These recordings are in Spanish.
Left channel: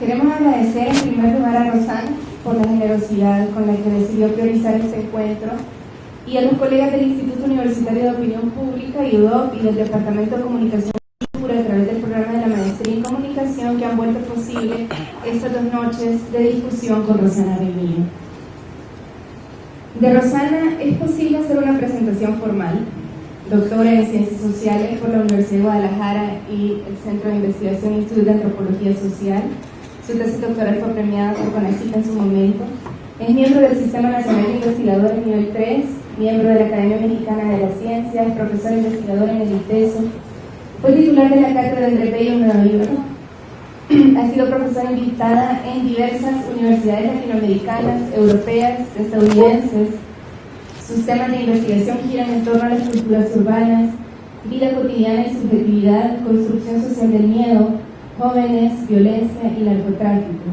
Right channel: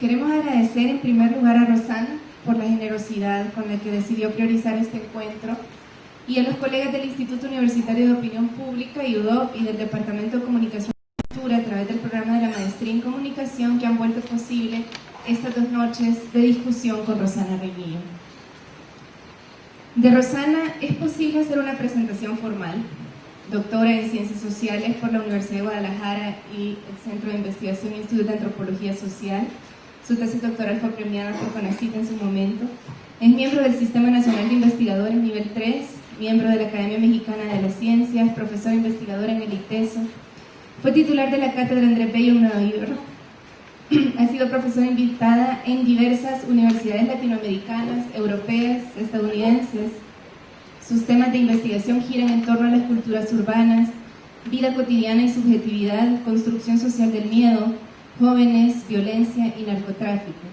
Queremos agradecer en primer lugar a Rosana por la generosidad con la que decidió priorizar este encuentro y a los colegas del Instituto Universitario de Opinión Pública, IUDOP, y del Departamento de Comunicación y Cultura a través del programa de la Maestría en Comunicación que han vuelto posible estas 2 noches de discusión con Rosana Remillo. De Rosana es posible hacer una presentación formal. Doctora en Ciencias Sociales por la Universidad de Guadalajara y el Centro de Investigación Instituto de Antropología Social. Su tesis doctoral fue premiada por CONACYT en su momento. Es miembro del Sistema Nacional de Investigadores Nivel 3, miembro de la Academia Mexicana de las Ciencias, profesor investigador en el ITESO. Fue titular de la Cátedra André Bello en Nueva York. Ha sido profesora invitada en diversas universidades latinoamericanas, europeas, estadounidenses. Sus temas de investigación giran en torno a las culturas urbanas, vida cotidiana y subjetividad, construcción social del miedo, jóvenes, violencia y narcotráfico.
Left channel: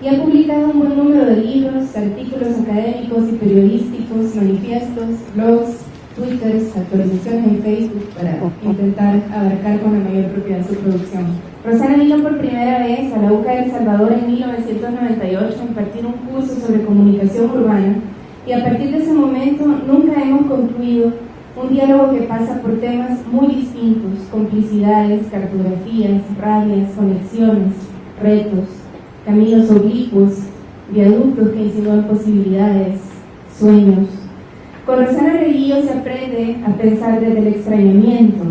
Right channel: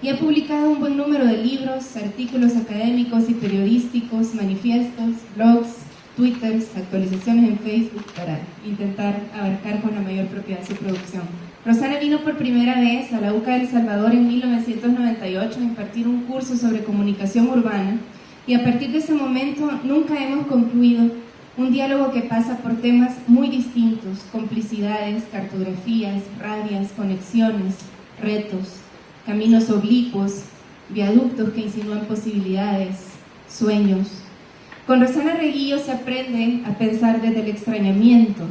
Y ha publicado un buen número de libros, artículos académicos y periodísticos, manifiestos, blogs, twitters, actualizaciones en Facebook para intentar abarcar con la mayor propiedad su producción. Rosana vino por primera vez a la UCA de El Salvador en 1998 a impartir un curso sobre comunicación urbana y a partir de ese momento nunca hemos concluido un diálogo que pasa por temas muy distintos: complicidades, cartografías, rabias, conexiones, retos, caminos oblicuos, viaductos que insinúan posibilidades, sueños. Con Rosana Remillo se aprende a pensar desde el extrañamiento,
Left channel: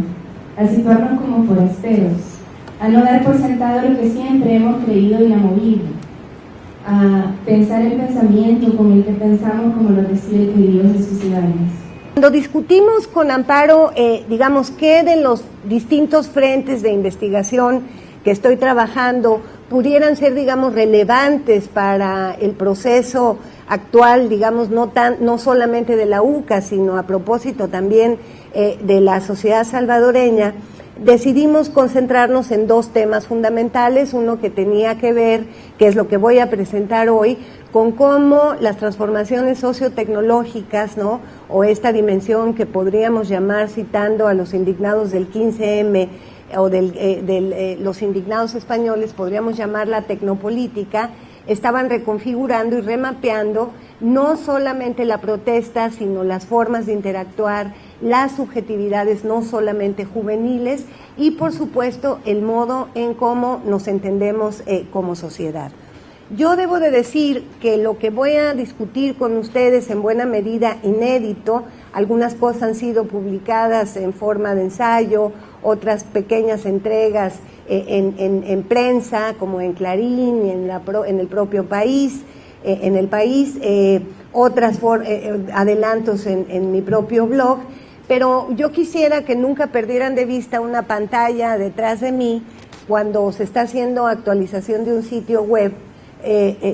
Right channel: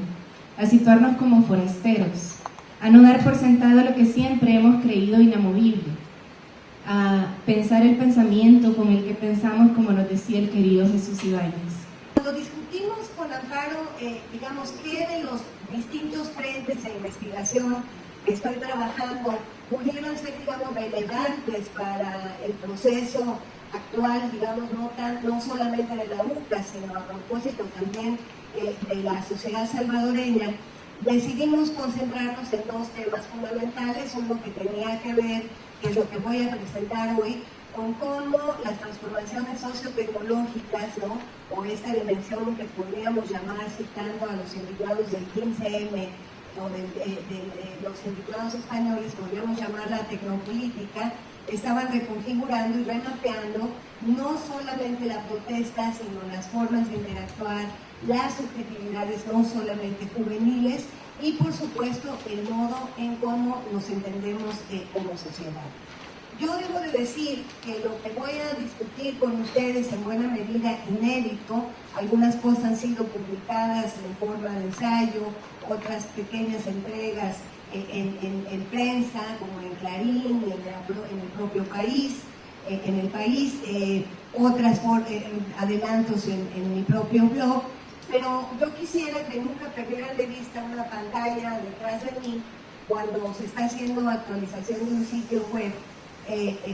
a situarnos como forasteros, a no dar por sentado lo que siempre hemos creído inamovible, a pensar el pensamiento con el que pensamos, como lo decía el querido Jesús Ibáñez. Cuando discutimos con Amparo, digamos, qué de los distintos frentes de investigación que estoy trabajando pudieran ser, digamos, relevantes para el proceso actual, digamos, no solamente de la UCA, sino a propósito también de la sociedad salvadoreña, decidimos concentrarnos en 2 temas fundamentales. Uno que tenía que ver, que es lo que voy a presentar hoy, con cómo las transformaciones sociotecnológicas, ¿no?, o esta dimensión que podríamos llamar, citando a los indignados del 15M o los indignados españoles, podríamos llamarla tecnopolítica, estaban reconfigurando y remapeando no solamente la protesta, sino las formas de interactuar, las subjetividades no solamente juveniles y, por supuesto, el modo en cómo nos entendemos como sociedad. Yo debo de decir que lo que voy a discutir con ustedes en buena medida inédito, algunas cosas han sido publicadas en forma de ensayo, otras pequeñas entregas en prensa, como en Clarín y en el propio país, otras adelantos en mi propio blog, pero yo quisiera que nunca perdieran de vista una pantalla detrás de mí cuando se está haciendo actualización de un sitio web.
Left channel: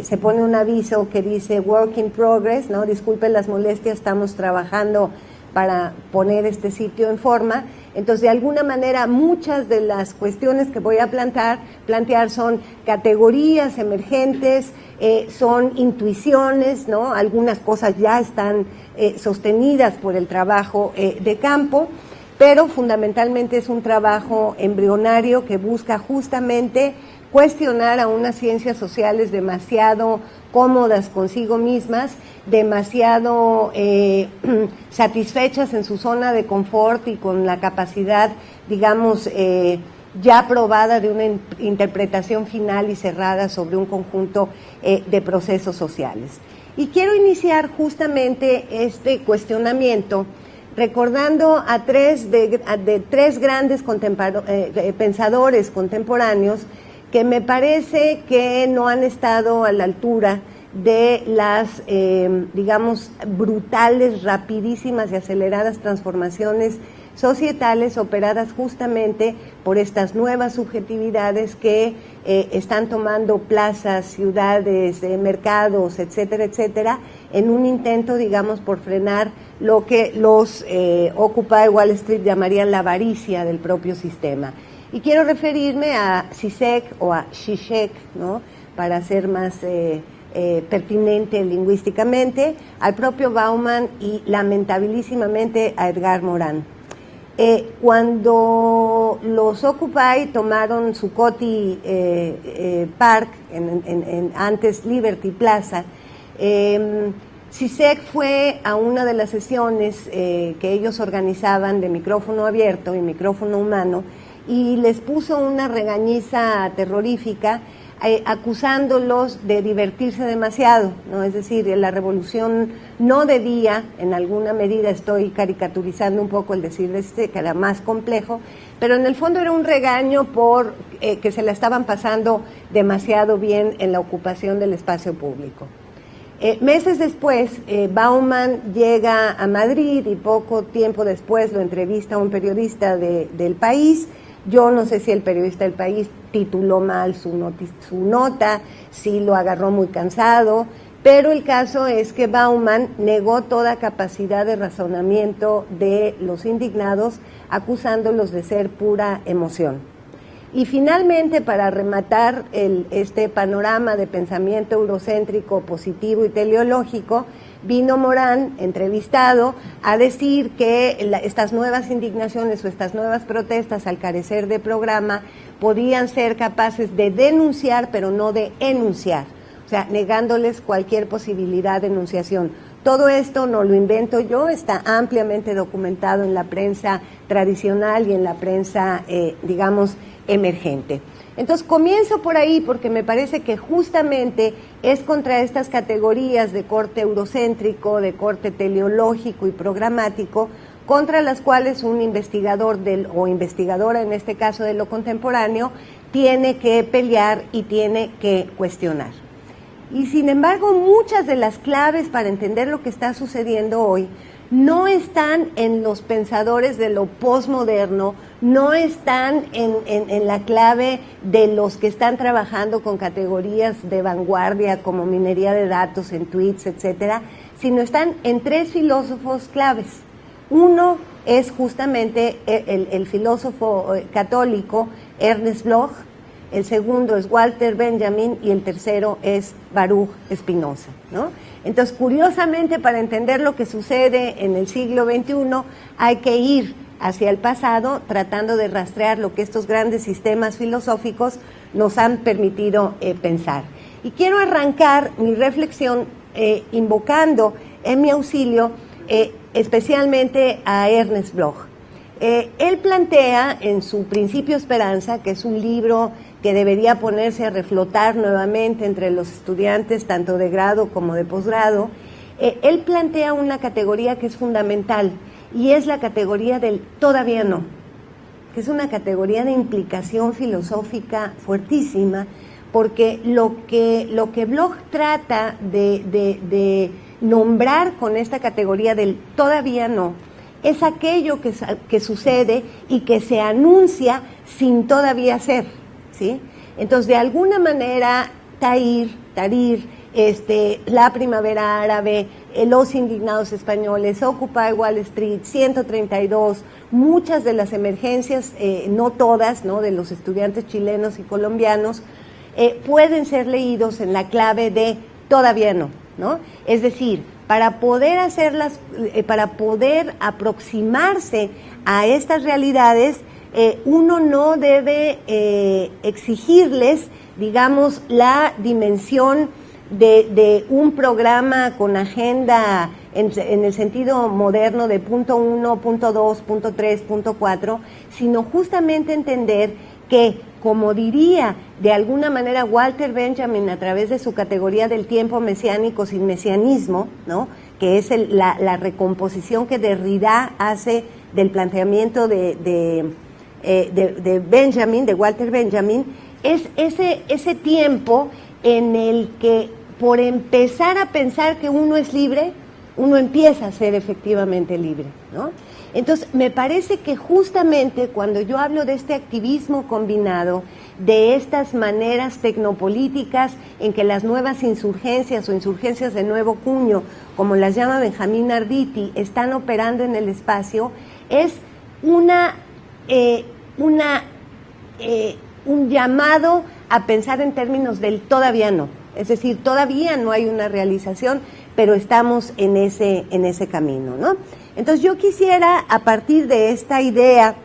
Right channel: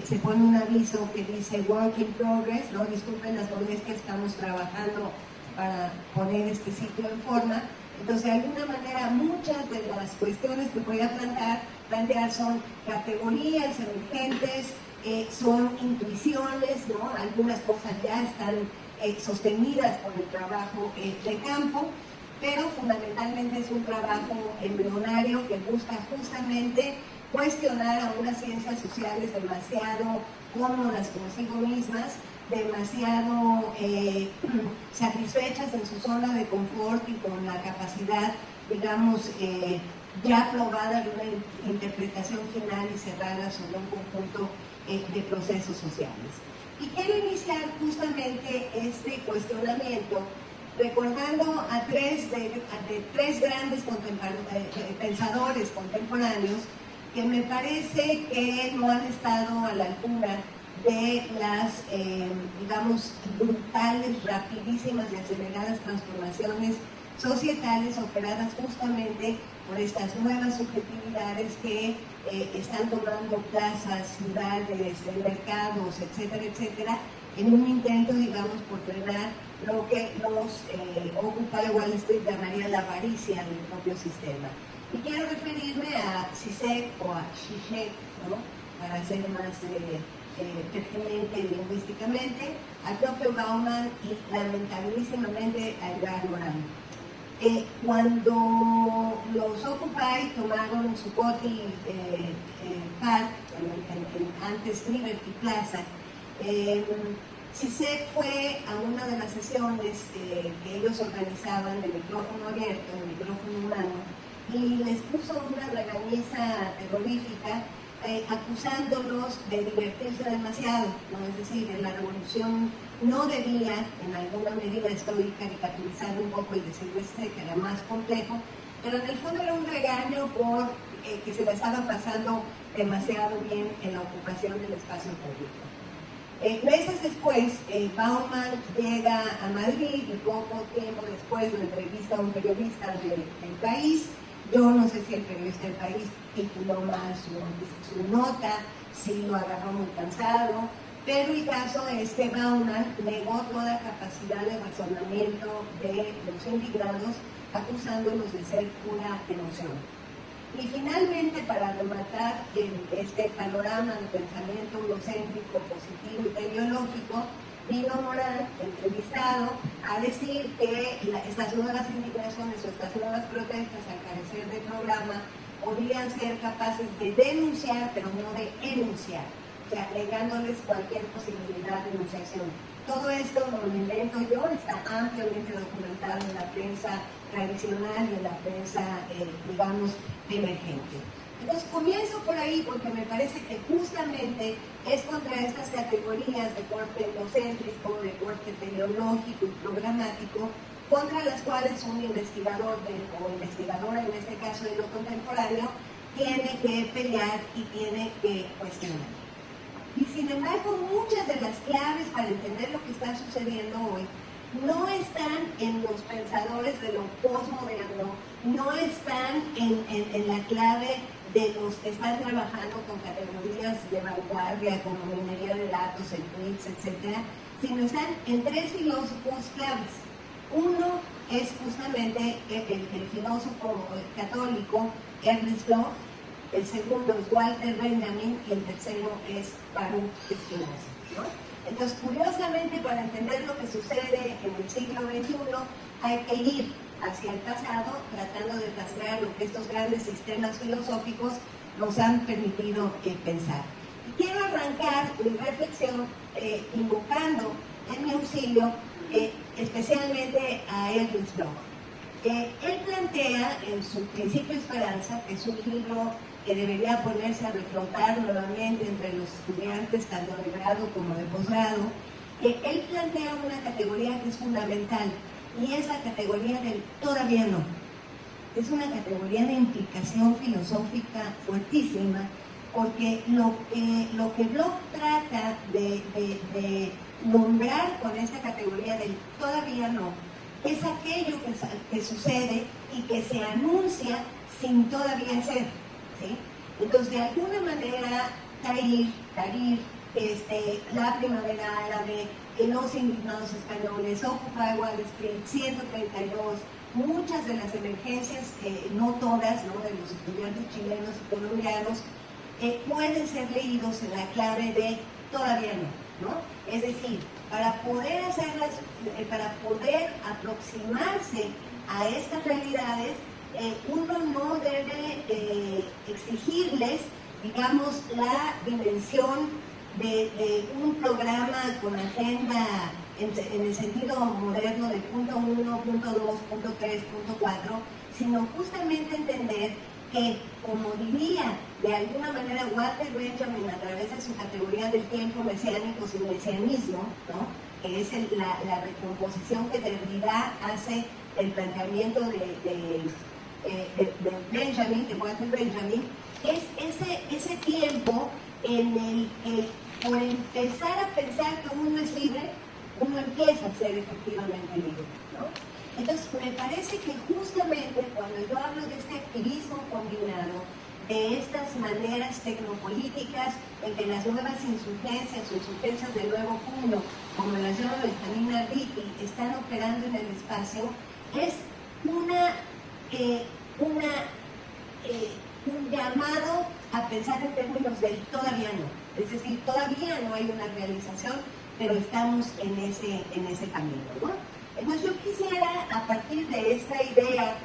Se pone un aviso que dice Work in Progress, ¿no? Disculpen las molestias, estamos trabajando para poner este sitio en forma. Entonces, de alguna manera, muchas de las cuestiones que voy a plantear son categorías emergentes, son intuiciones, ¿no? Algunas cosas ya están sostenidas por el trabajo de campo, pero fundamentalmente es un trabajo embrionario que busca justamente cuestionar a unas ciencias sociales demasiado cómodas consigo mismas, demasiado satisfechas en su zona de confort y con la capacidad, digamos, ya probada de una interpretación final y cerrada sobre un conjunto de procesos sociales. Y quiero iniciar justamente este cuestionamiento recordando a tres grandes pensadores contemporáneos que me parece que no han estado a la altura de las, digamos, brutales, rapidísimas y aceleradas transformaciones societales operadas justamente por estas nuevas subjetividades que están tomando plazas, ciudades, mercados, etcétera, etcétera, en un intento, digamos, por frenar lo que los Occupy Wall Street llamarían la avaricia del propio sistema. Y quiero referirme a Zizek o a Zizek, ¿no?, para ser más pertinente lingüísticamente, al propio Bauman y lamentabilísimamente a Edgar Morin. Cuando los Occupy tomaron Zuccotti Park, antes Liberty Plaza, CISEC fue a una de las sesiones que ellos organizaban de micrófono abierto y micrófono humano y les puso una regañiza terrorífica acusándolos de divertirse demasiado, ¿no? Es decir, la revolución no debía, en alguna medida estoy caricaturizando un poco el decir que era más complejo, pero en el fondo era un regaño por que se la estaban pasando demasiado bien en la ocupación del espacio público. Meses después, Bauman llega a Madrid y poco tiempo después lo entrevista a un periodista del País. Yo no sé si el periodista del País tituló mal su nota, si lo agarró muy cansado, pero el caso es que Bauman negó toda capacidad de razonamiento de los indignados, acusándolos de ser pura emoción. Y finalmente, para rematar este panorama de pensamiento eurocéntrico, positivo y teleológico, vino Morán, entrevistado, a decir que estas nuevas indignaciones o estas nuevas protestas, al carecer de programa, podían ser capaces de denunciar, pero no de enunciar, o sea, negándoles cualquier posibilidad de enunciación. Todo esto no lo invento yo, está ampliamente documentado en la prensa tradicional y en la prensa, digamos, emergente. Entonces comienzo por ahí porque me parece que justamente es contra estas categorías de corte eurocéntrico, de corte teleológico y programático, contra las cuales un investigador o investigadora, en este caso de lo contemporáneo, tiene que pelear y tiene que cuestionar. Y sin embargo, muchas de las claves para entender lo que está sucediendo hoy no están en los pensadores de lo posmoderno, no están en la clave de los que están trabajando con categorías de vanguardia como minería de datos en tweets, etcétera, sino están en tres filósofos claves. Uno es justamente el filósofo católico Ernest Bloch, el segundo es Walter Benjamin y el tercero es Baruch Spinoza, ¿no? Entonces, curiosamente, para entender lo que sucede en el siglo XXI, hay que ir hacia el pasado, tratando de rastrear lo que estos grandes sistemas filosóficos nos han permitido pensar. Y quiero arrancar mi reflexión invocando en mi auxilio especialmente a Ernest Bloch. Él plantea en su Principio Esperanza, que es un libro que debería ponerse a reflotar nuevamente entre los estudiantes, tanto de grado como de posgrado, él plantea una categoría que es fundamental, y es la categoría del todavía no, que es una categoría de implicación filosófica fuertísima, porque lo que Bloch trata de nombrar con esta categoría del todavía no, es aquello que sucede y que se anuncia sin todavía ser, ¿sí? Entonces, de alguna manera, Tahrir, la primavera árabe, los indignados españoles, Occupy Wall Street, 132, muchas de las emergencias, no todas, ¿no?, de los estudiantes chilenos y colombianos, pueden ser leídos en la clave de todavía no, ¿no? Es decir, para poder aproximarse a estas realidades, uno no debe exigirles, digamos, la dimensión de un programa con agenda en el sentido moderno de punto 1, punto 2, punto 3, punto 4, sino justamente entender que, como diría de alguna manera Walter Benjamin a través de su categoría del tiempo mesiánico sin mesianismo, ¿no?, que es la recomposición que Derrida hace del planteamiento de Benjamin, de Walter Benjamin, es ese tiempo en el que, por empezar a pensar que uno es libre, uno empieza a ser efectivamente libre, ¿no? Entonces, me parece que justamente cuando yo hablo de este activismo combinado, de estas maneras tecnopolíticas en que las nuevas insurgencias o insurgencias de nuevo cuño, como las llama Benjamín Arditi, están operando en el espacio, es un llamado a pensar en términos del todavía no. Es decir, todavía no hay una realización pero estamos en ese camino, ¿no? Entonces yo quisiera, a partir de esta idea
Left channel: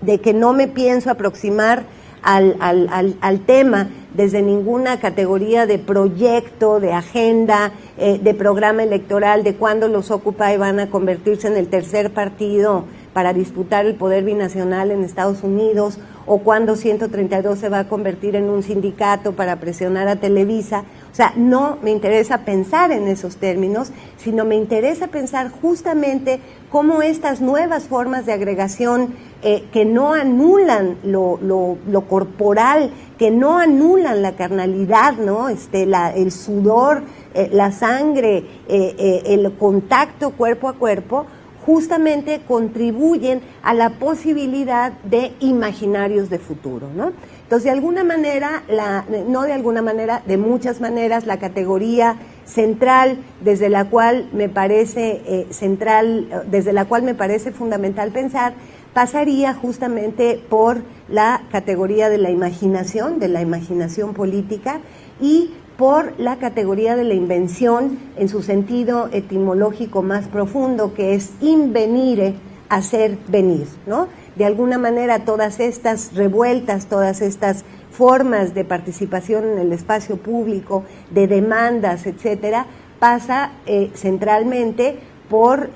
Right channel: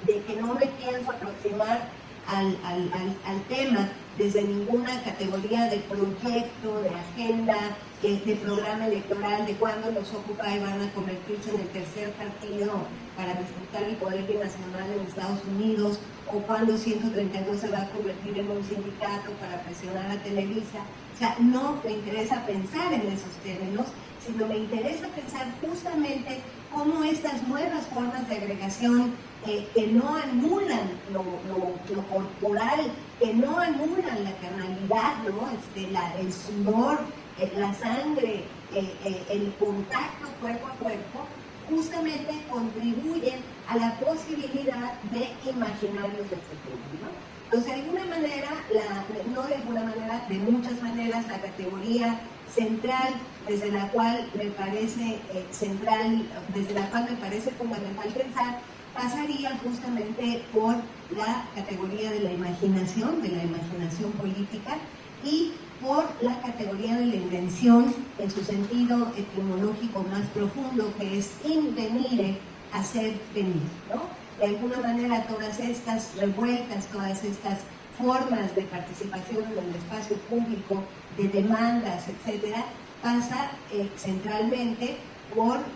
de que no me pienso aproximar al tema desde ninguna categoría de proyecto, de agenda, de programa electoral, de cuándo los Occupy van a convertirse en el tercer partido para disputar el poder binacional en Estados Unidos, o cuándo 132 se va a convertir en un sindicato para presionar a Televisa. O sea, no me interesa pensar en esos términos, sino me interesa pensar justamente cómo estas nuevas formas de agregación que no anulan lo corporal, que no anulan la carnalidad, ¿no? El sudor, la sangre, el contacto cuerpo a cuerpo, justamente contribuyen a la posibilidad de imaginarios de futuro, ¿no? Entonces, de alguna manera, de muchas maneras, la categoría central desde la cual me parece fundamental pensar, pasaría justamente por la categoría de la imaginación política, y por la categoría de la invención en su sentido etimológico más profundo, que es invenire, hacer venir, ¿no? De alguna manera todas estas revueltas, todas estas formas de participación en el espacio público, de demandas, etcétera, pasa centralmente por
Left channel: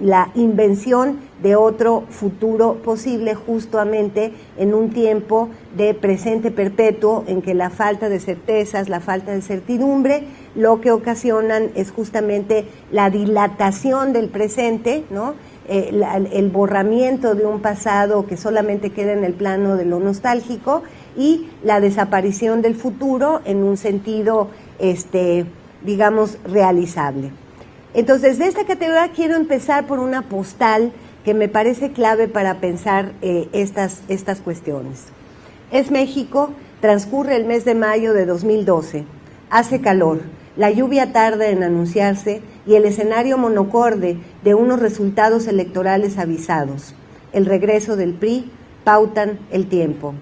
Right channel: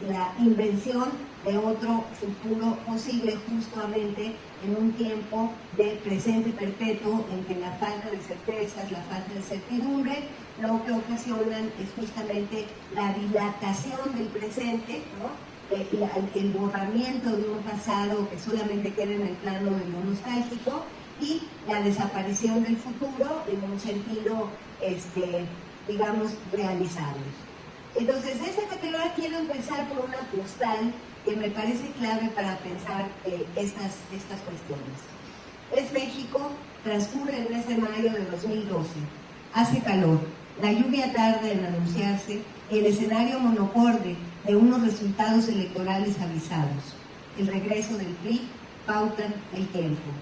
la invención de otro futuro posible, justamente en un tiempo de presente perpetuo en que la falta de certezas, la falta de certidumbre, lo que ocasionan es justamente la dilatación del presente, ¿no? El borramiento de un pasado que solamente queda en el plano de lo nostálgico, y la desaparición del futuro en un sentido, digamos, realizable. Entonces, de esta categoría quiero empezar por una postal que me parece clave para pensar estas cuestiones. Es México, transcurre el mes de mayo de 2012, hace calor, la lluvia tarda en anunciarse y el escenario monocorde de unos resultados electorales avisados. El regreso del PRI pautan el tiempo.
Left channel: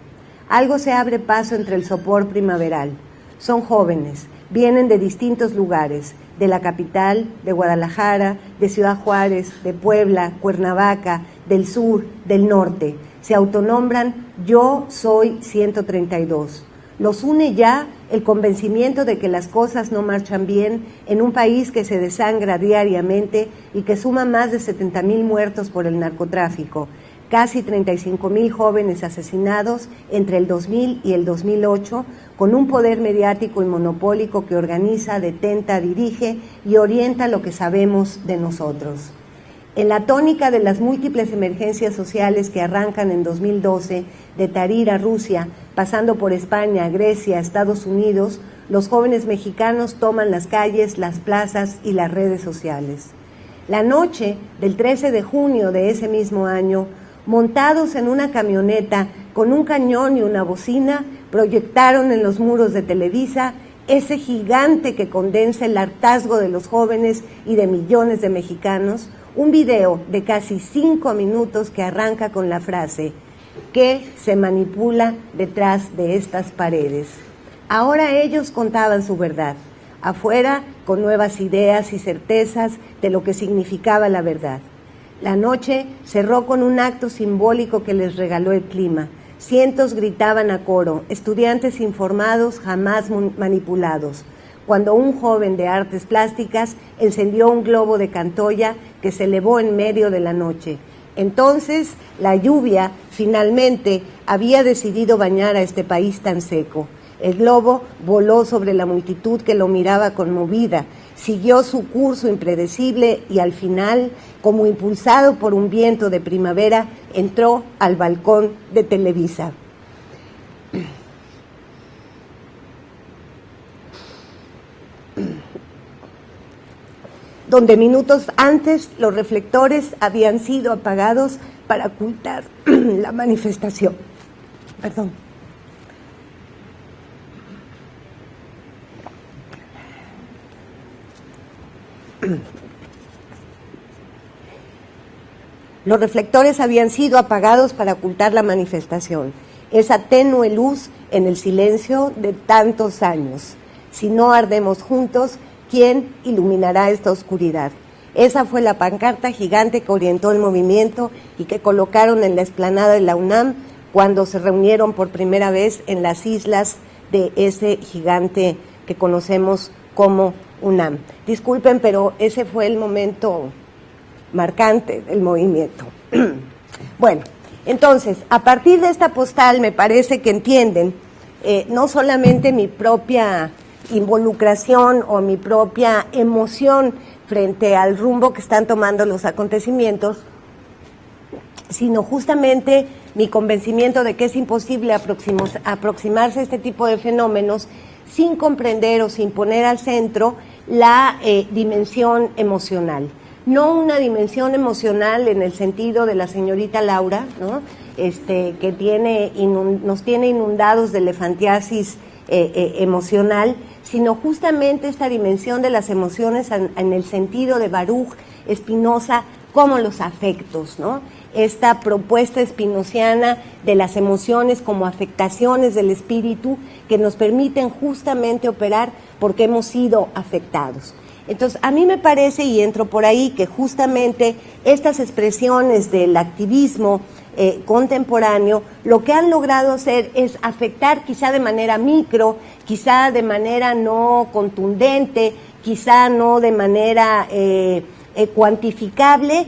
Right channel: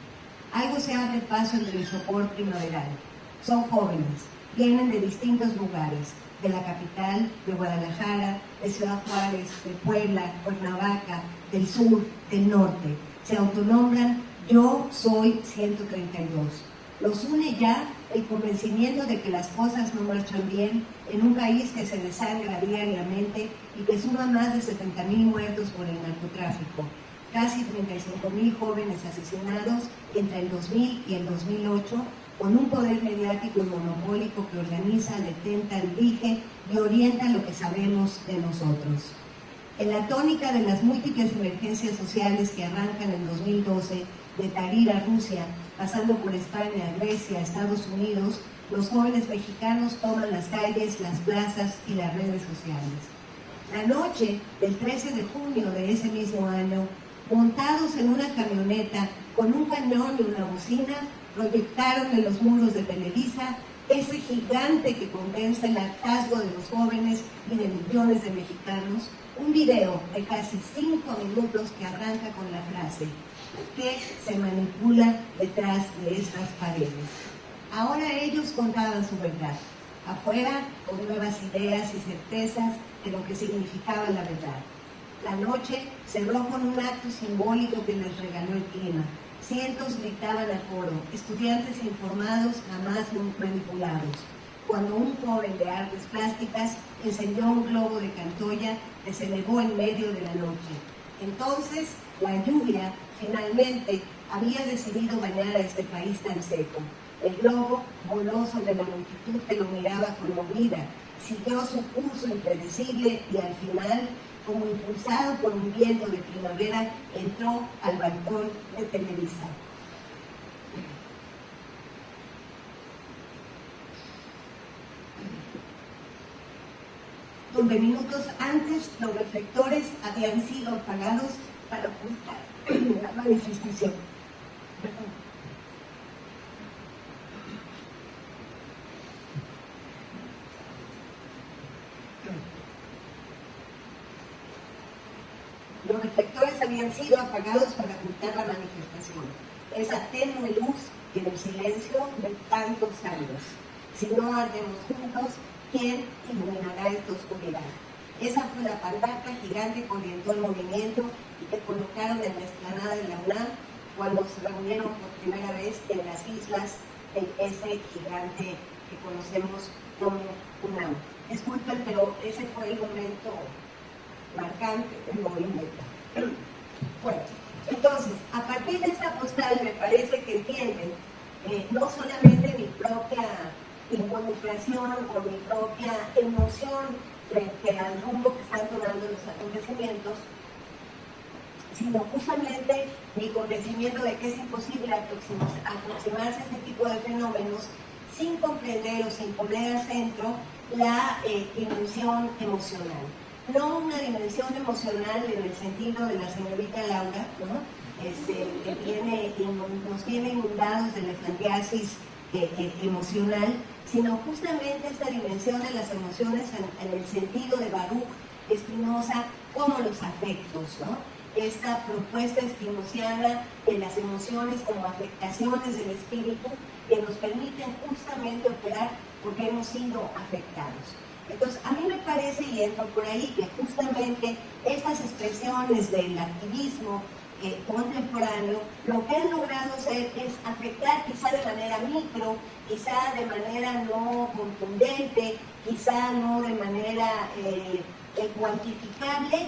Algo se abre paso entre el sopor primaveral. Son jóvenes, vienen de distintos lugares, de la capital, de Guadalajara, de Ciudad Juárez, de Puebla, Cuernavaca, del sur, del norte. Se autonombran Yo Soy 132. Los une ya el convencimiento de que las cosas no marchan bien en un país que se desangra diariamente y que suma más de 70,000 muertos por el narcotráfico, casi 35,000 jóvenes asesinados entre el 2000 y el 2008, con un poder mediático y monopólico que organiza, detenta, dirige y orienta lo que sabemos de nosotros. En la tónica de las múltiples emergencias sociales que arrancan en 2012, de Tahrir a Rusia, pasando por España, Grecia, Estados Unidos, los jóvenes mexicanos toman las calles, las plazas y las redes sociales. La noche del 13 de junio de ese mismo año, montados en una camioneta con un cañón y una bocina, proyectaron en los muros de Televisa ese gigante que condensa el hartazgo de los jóvenes y de millones de mexicanos, un video de casi 5 minutos que arranca con la frase: ¿qué se manipula detrás de estas paredes? Ahora ellos contaban su verdad, afuera con nuevas ideas y certezas de lo que significaba la verdad. La noche cerró con un acto simbólico que les regaló el clima. Cientos gritaban a coro, estudiantes informados, jamás manipulados, cuando un joven de artes plásticas encendió un globo de Cantoya que se elevó en medio de la noche. Entonces, la lluvia finalmente había decidido bañar a este país tan seco. El globo voló sobre la multitud que lo miraba conmovida, siguió su curso impredecible y al final, como impulsado por un viento de primavera, entró al balcón de Televisa. Donde minutos antes los reflectores habían sido apagados para ocultar la manifestación. Perdón. Los reflectores habían sido apagados para ocultar la manifestación, esa tenue luz en el silencio de tantos años. Si no ardemos juntos, ¿quién iluminará esta oscuridad? Esa fue la pancarta gigante que orientó el movimiento y que colocaron en la explanada de la UNAM cuando se reunieron por primera vez en las islas de ese gigante que conocemos como UNAM. Disculpen, pero ese fue el momento marcante del movimiento. Bueno, entonces, a partir de esta postal me parece que entienden no solamente mi propia involucración o mi propia emoción frente al rumbo que están tomando los acontecimientos, sino justamente mi convencimiento de que es imposible aproximarse a este tipo de fenómenos sin comprender o sin poner al centro la dimensión emocional. No una dimensión emocional en el sentido de la señorita Laura, ¿no? Que nos tiene inundados de elefantiasis emocional, sino justamente esta dimensión de las emociones en el sentido de Baruch Spinoza como los afectos, ¿no? Esta propuesta spinociana de las emociones como afectaciones del espíritu que nos permiten justamente operar porque hemos sido afectados. Entonces, a mí me parece, y entro por ahí, que justamente estas expresiones del activismo contemporáneo, lo que han logrado hacer es afectar quizá de manera micro, quizá de manera no contundente, quizá no de manera cuantificable,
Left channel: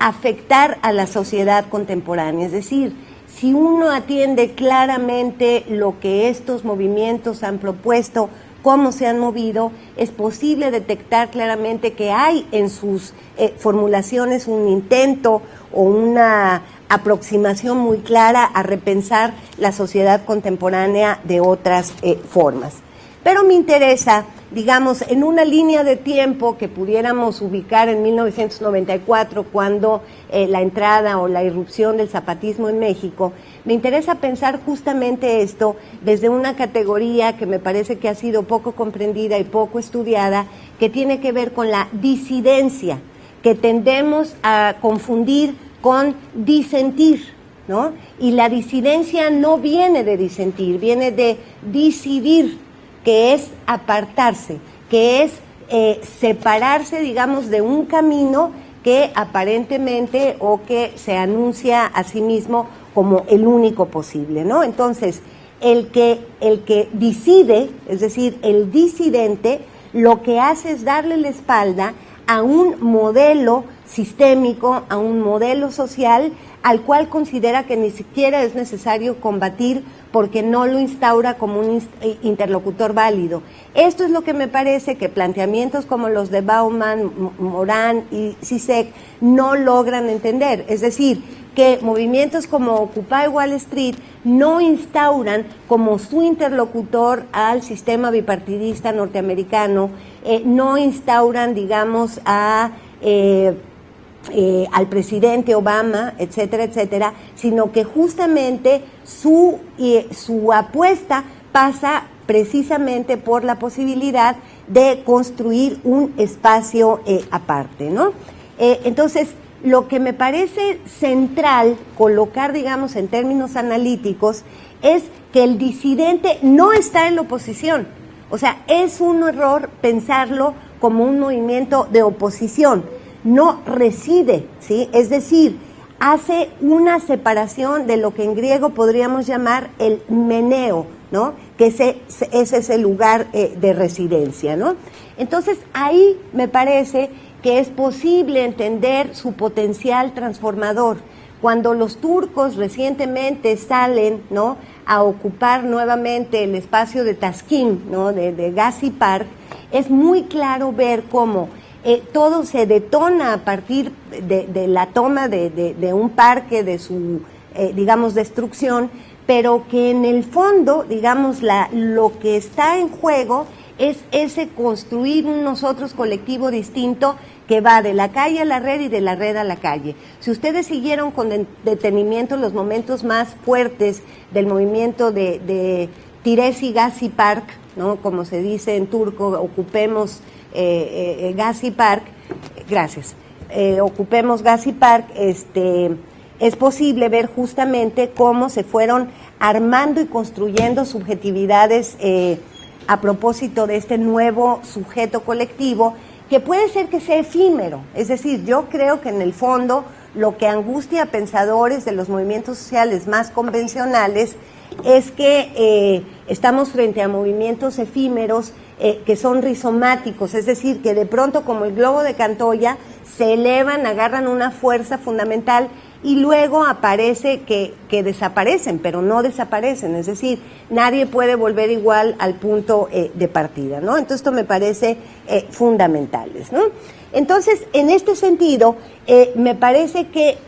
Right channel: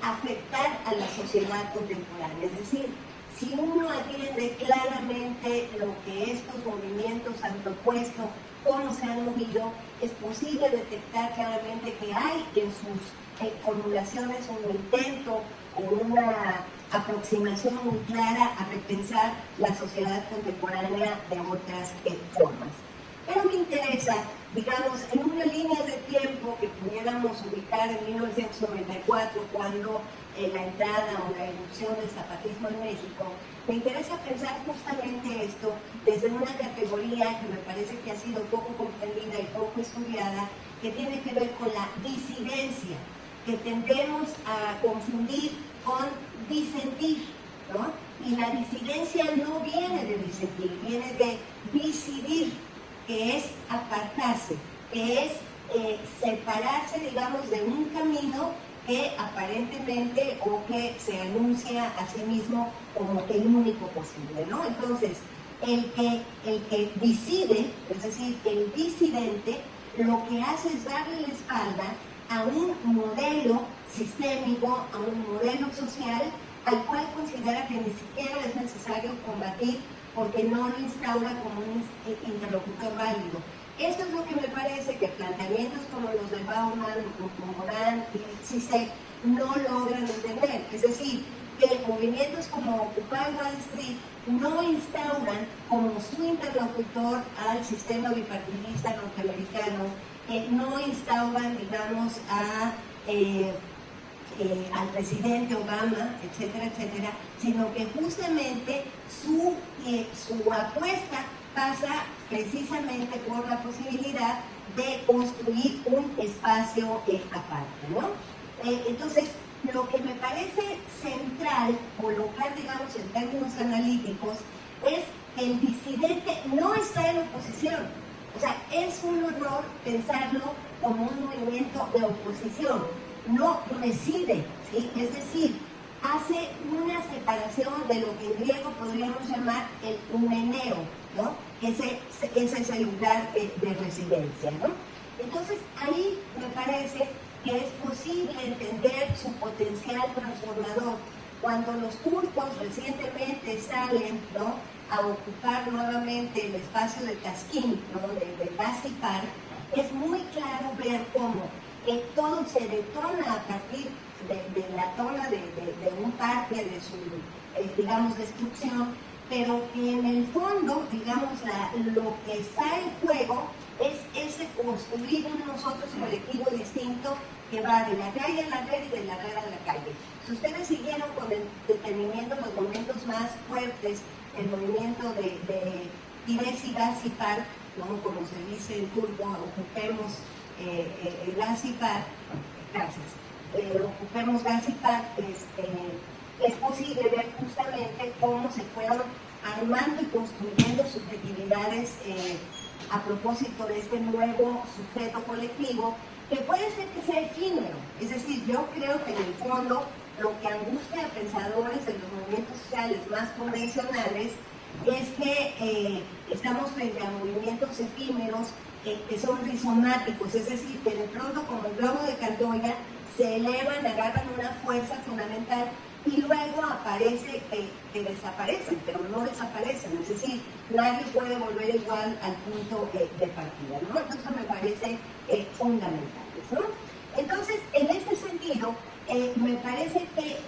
afectar a la sociedad contemporánea. Es decir, si uno atiende claramente lo que estos movimientos han propuesto, cómo se han movido, es posible detectar claramente que hay en sus formulaciones un intento o una aproximación muy clara a repensar la sociedad contemporánea de otras formas. Pero me interesa, digamos, en una línea de tiempo que pudiéramos ubicar en 1994, cuando la entrada o la irrupción del zapatismo en México, me interesa pensar justamente esto desde una categoría que me parece que ha sido poco comprendida y poco estudiada, que tiene que ver con la disidencia, que tendemos a confundir con disentir, ¿no? Y la disidencia no viene de disentir, viene de decidir, que es apartarse, que es separarse, digamos, de un camino que aparentemente o que se anuncia a sí mismo como el único posible, ¿no? Entonces, el que decide, es decir, el disidente, lo que hace es darle la espalda a un modelo sistémico, a un modelo social al cual considera que ni siquiera es necesario combatir porque no lo instaura como un interlocutor válido. Esto es lo que me parece que planteamientos como los de Bauman, Morán y Zizek no logran entender. Es decir, que movimientos como Occupy Wall Street no instauran como su interlocutor al sistema bipartidista norteamericano, no instauran, digamos, al presidente Obama, etcétera, etcétera, sino que justamente su apuesta pasa precisamente por la posibilidad de construir un espacio aparte, ¿no? Entonces, lo que me parece central colocar, digamos, en términos analíticos, es que el disidente no está en la oposición. O sea, es un error pensarlo como un movimiento de oposición. No reside, ¿sí? Es decir, hace una separación de lo que en griego podríamos llamar el meneo, ¿no? Que ese es el lugar de residencia, ¿no? Entonces, ahí me parece que es posible entender su potencial transformador. Cuando los turcos recientemente salen, ¿no?, a ocupar nuevamente el espacio de Taksim, ¿no?, de Gezi Park, es muy claro ver cómo todo se detona a partir de la toma de un parque, de su, digamos, destrucción, pero que en el fondo, digamos, lo que está en juego es ese construir un nosotros colectivo distinto que va de la calle a la red y de la red a la calle. Si ustedes siguieron con detenimiento los momentos más fuertes del movimiento de Tiresi Gezi Park, ¿no?, como se dice en turco, ocupemos Gezi Park, gracias, ocupemos Gezi Park, es posible ver justamente cómo se fueron armando y construyendo subjetividades a propósito de este nuevo sujeto colectivo, que puede ser que sea efímero. Es decir, yo creo que en el fondo lo que angustia a pensadores de los movimientos sociales más convencionales es que estamos frente a movimientos efímeros que son rizomáticos, es decir, que de pronto, como el globo de Cantoya, se elevan, agarran una fuerza fundamental y luego aparece que desaparecen, pero no desaparecen, es decir, nadie puede volver igual al punto de partida, ¿no? Entonces esto me parece fundamentales, ¿no? Entonces, en este sentido, me parece que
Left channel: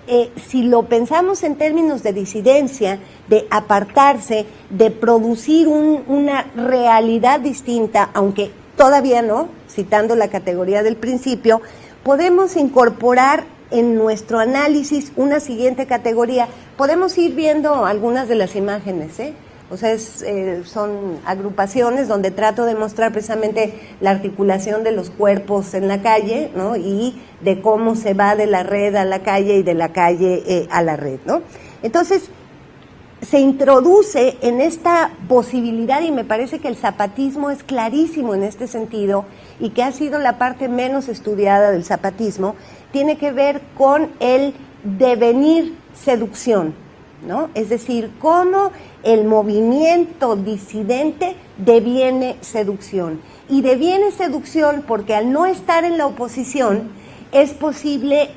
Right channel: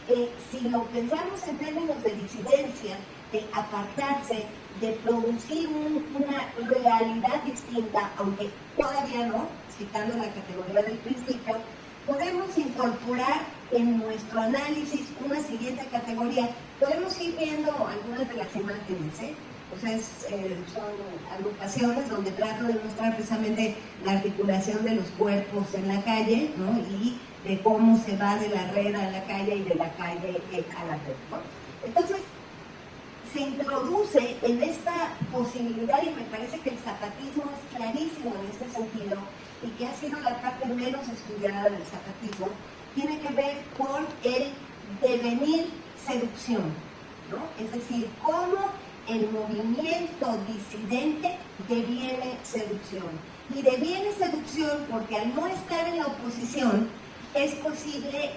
si lo pensamos en términos de disidencia, de apartarse, de producir una realidad distinta, aunque todavía no, citando la categoría del principio, podemos incorporar en nuestro análisis una siguiente categoría. Podemos ir viendo algunas de las imágenes, O sea, son agrupaciones donde trato de mostrar precisamente la articulación de los cuerpos en la calle, ¿no? Y de cómo se va de la red a la calle y de la calle a la red, ¿no? Entonces, se introduce en esta posibilidad, y me parece que el zapatismo es clarísimo en este sentido, y que ha sido la parte menos estudiada del zapatismo, tiene que ver con el devenir seducción, ¿no? Es decir, cómo el movimiento disidente deviene seducción. Y deviene seducción porque al no estar en la oposición es posible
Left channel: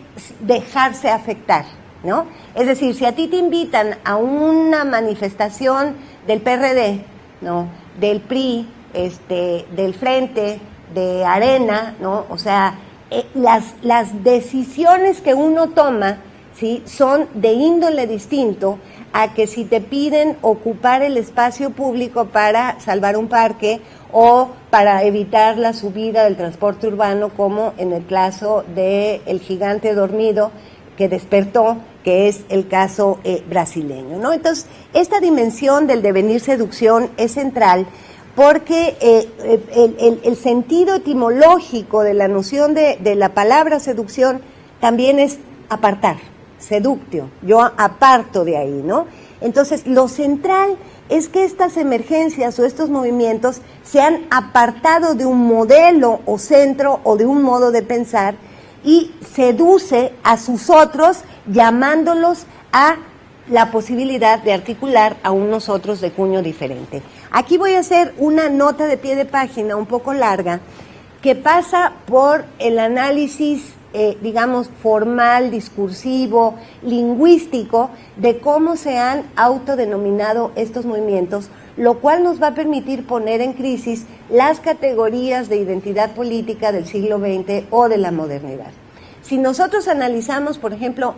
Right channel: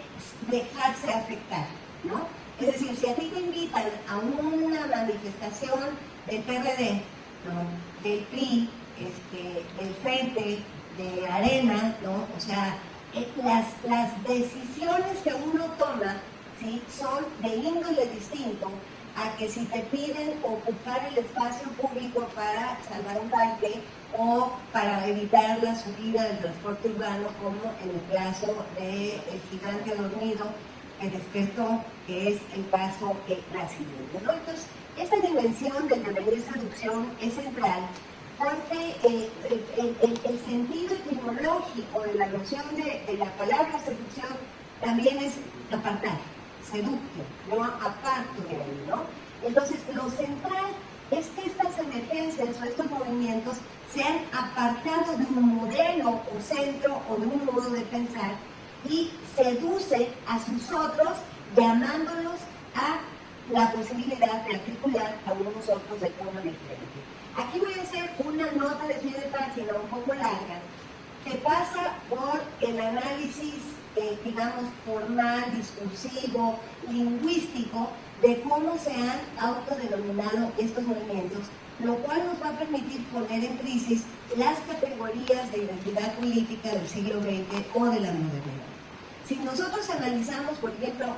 dejarse afectar, ¿no? Es decir, si a ti te invitan a una manifestación del PRD, ¿no? Del PRI, del Frente, de Arena, ¿no? O sea, las decisiones que uno toma, ¿sí? Son de índole distinto a que si te piden ocupar el espacio público para salvar un parque o para evitar la subida del transporte urbano, como en el caso del gigante dormido que despertó, que es el caso brasileño, ¿no? Entonces, esta dimensión del devenir seducción es central porque el sentido etimológico de la noción de la palabra seducción también es apartar, seductio, yo aparto de ahí, ¿no? Entonces, lo central es que estas emergencias o estos movimientos se han apartado de un modelo o centro o de un modo de pensar y seduce a sus otros llamándolos a la posibilidad de articular a unos otros de cuño diferente. Aquí voy a hacer una nota de pie de página un poco larga que pasa por el análisis, digamos, formal, discursivo, lingüístico, de cómo se han autodenominado estos movimientos, lo cual nos va a permitir poner en crisis las categorías de identidad política del siglo XX o de la modernidad. Si nosotros analizamos, por ejemplo,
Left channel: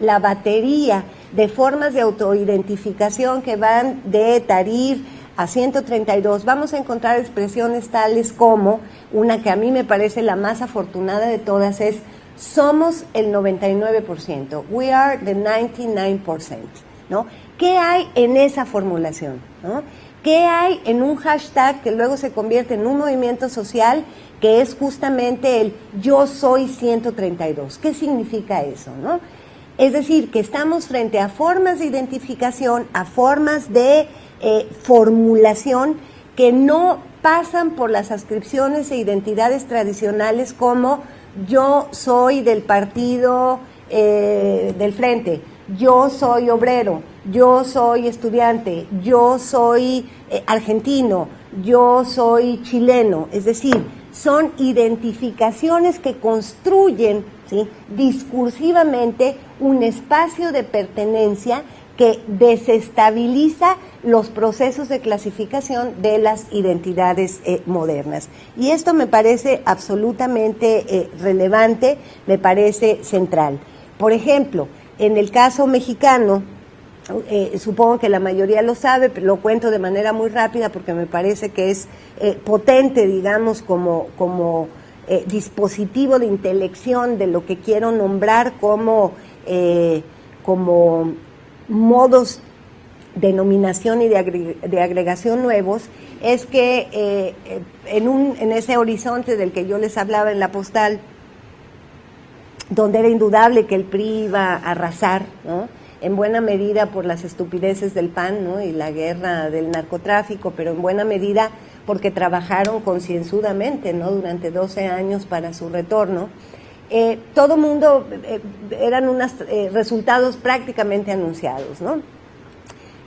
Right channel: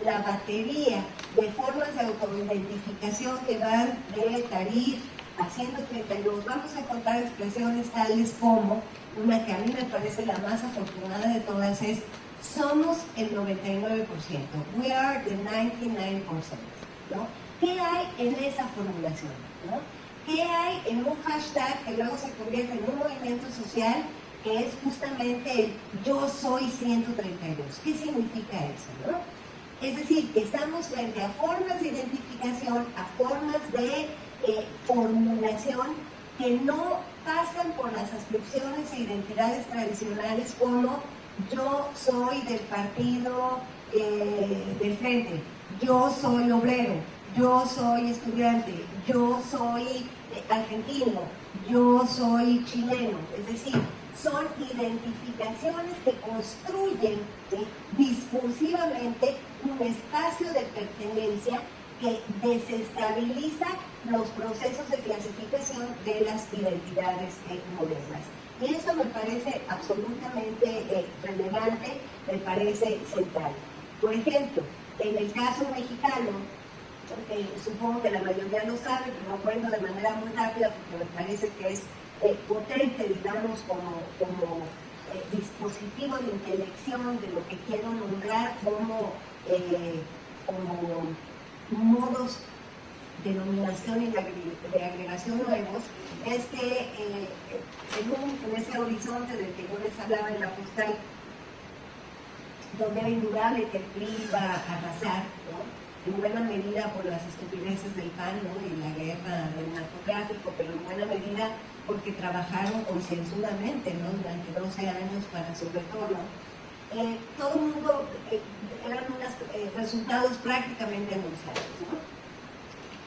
la batería de formas de autoidentificación que van de Tahrir a 132, vamos a encontrar expresiones tales como, una que a mí me parece la más afortunada de todas es: somos el 99%, we are the 99%, ¿no? ¿Qué hay en esa formulación, ¿no? ¿Qué hay en un hashtag que luego se convierte en un movimiento social que es justamente el yo soy 132? ¿Qué significa eso, no? Es decir, que estamos frente a formas de identificación, a formas de formulación que no pasan por las adscripciones e identidades tradicionales como yo soy del partido del Frente, yo soy obrero, yo soy estudiante, yo soy argentino, yo soy chileno. Es decir, son identificaciones que construyen, ¿sí?, discursivamente un espacio de pertenencia que desestabiliza los procesos de clasificación de las identidades modernas. Y esto me parece absolutamente relevante, me parece central. Por ejemplo, en el caso mexicano, supongo que la mayoría lo sabe, pero lo cuento de manera muy rápida porque me parece que es potente, digamos, como dispositivo de intelección de lo que quiero nombrar como modos de nominación y de agregación nuevos, es que en ese horizonte del que yo les hablaba en la postal, donde era indudable que el PRI iba a arrasar, ¿no?, en buena medida por las estupideces del PAN, ¿no?, y la guerra del narcotráfico, pero en buena medida porque trabajaron concienzudamente, ¿no?, durante 12 años para su retorno. Todo mundo, eran unos resultados prácticamente anunciados, ¿no?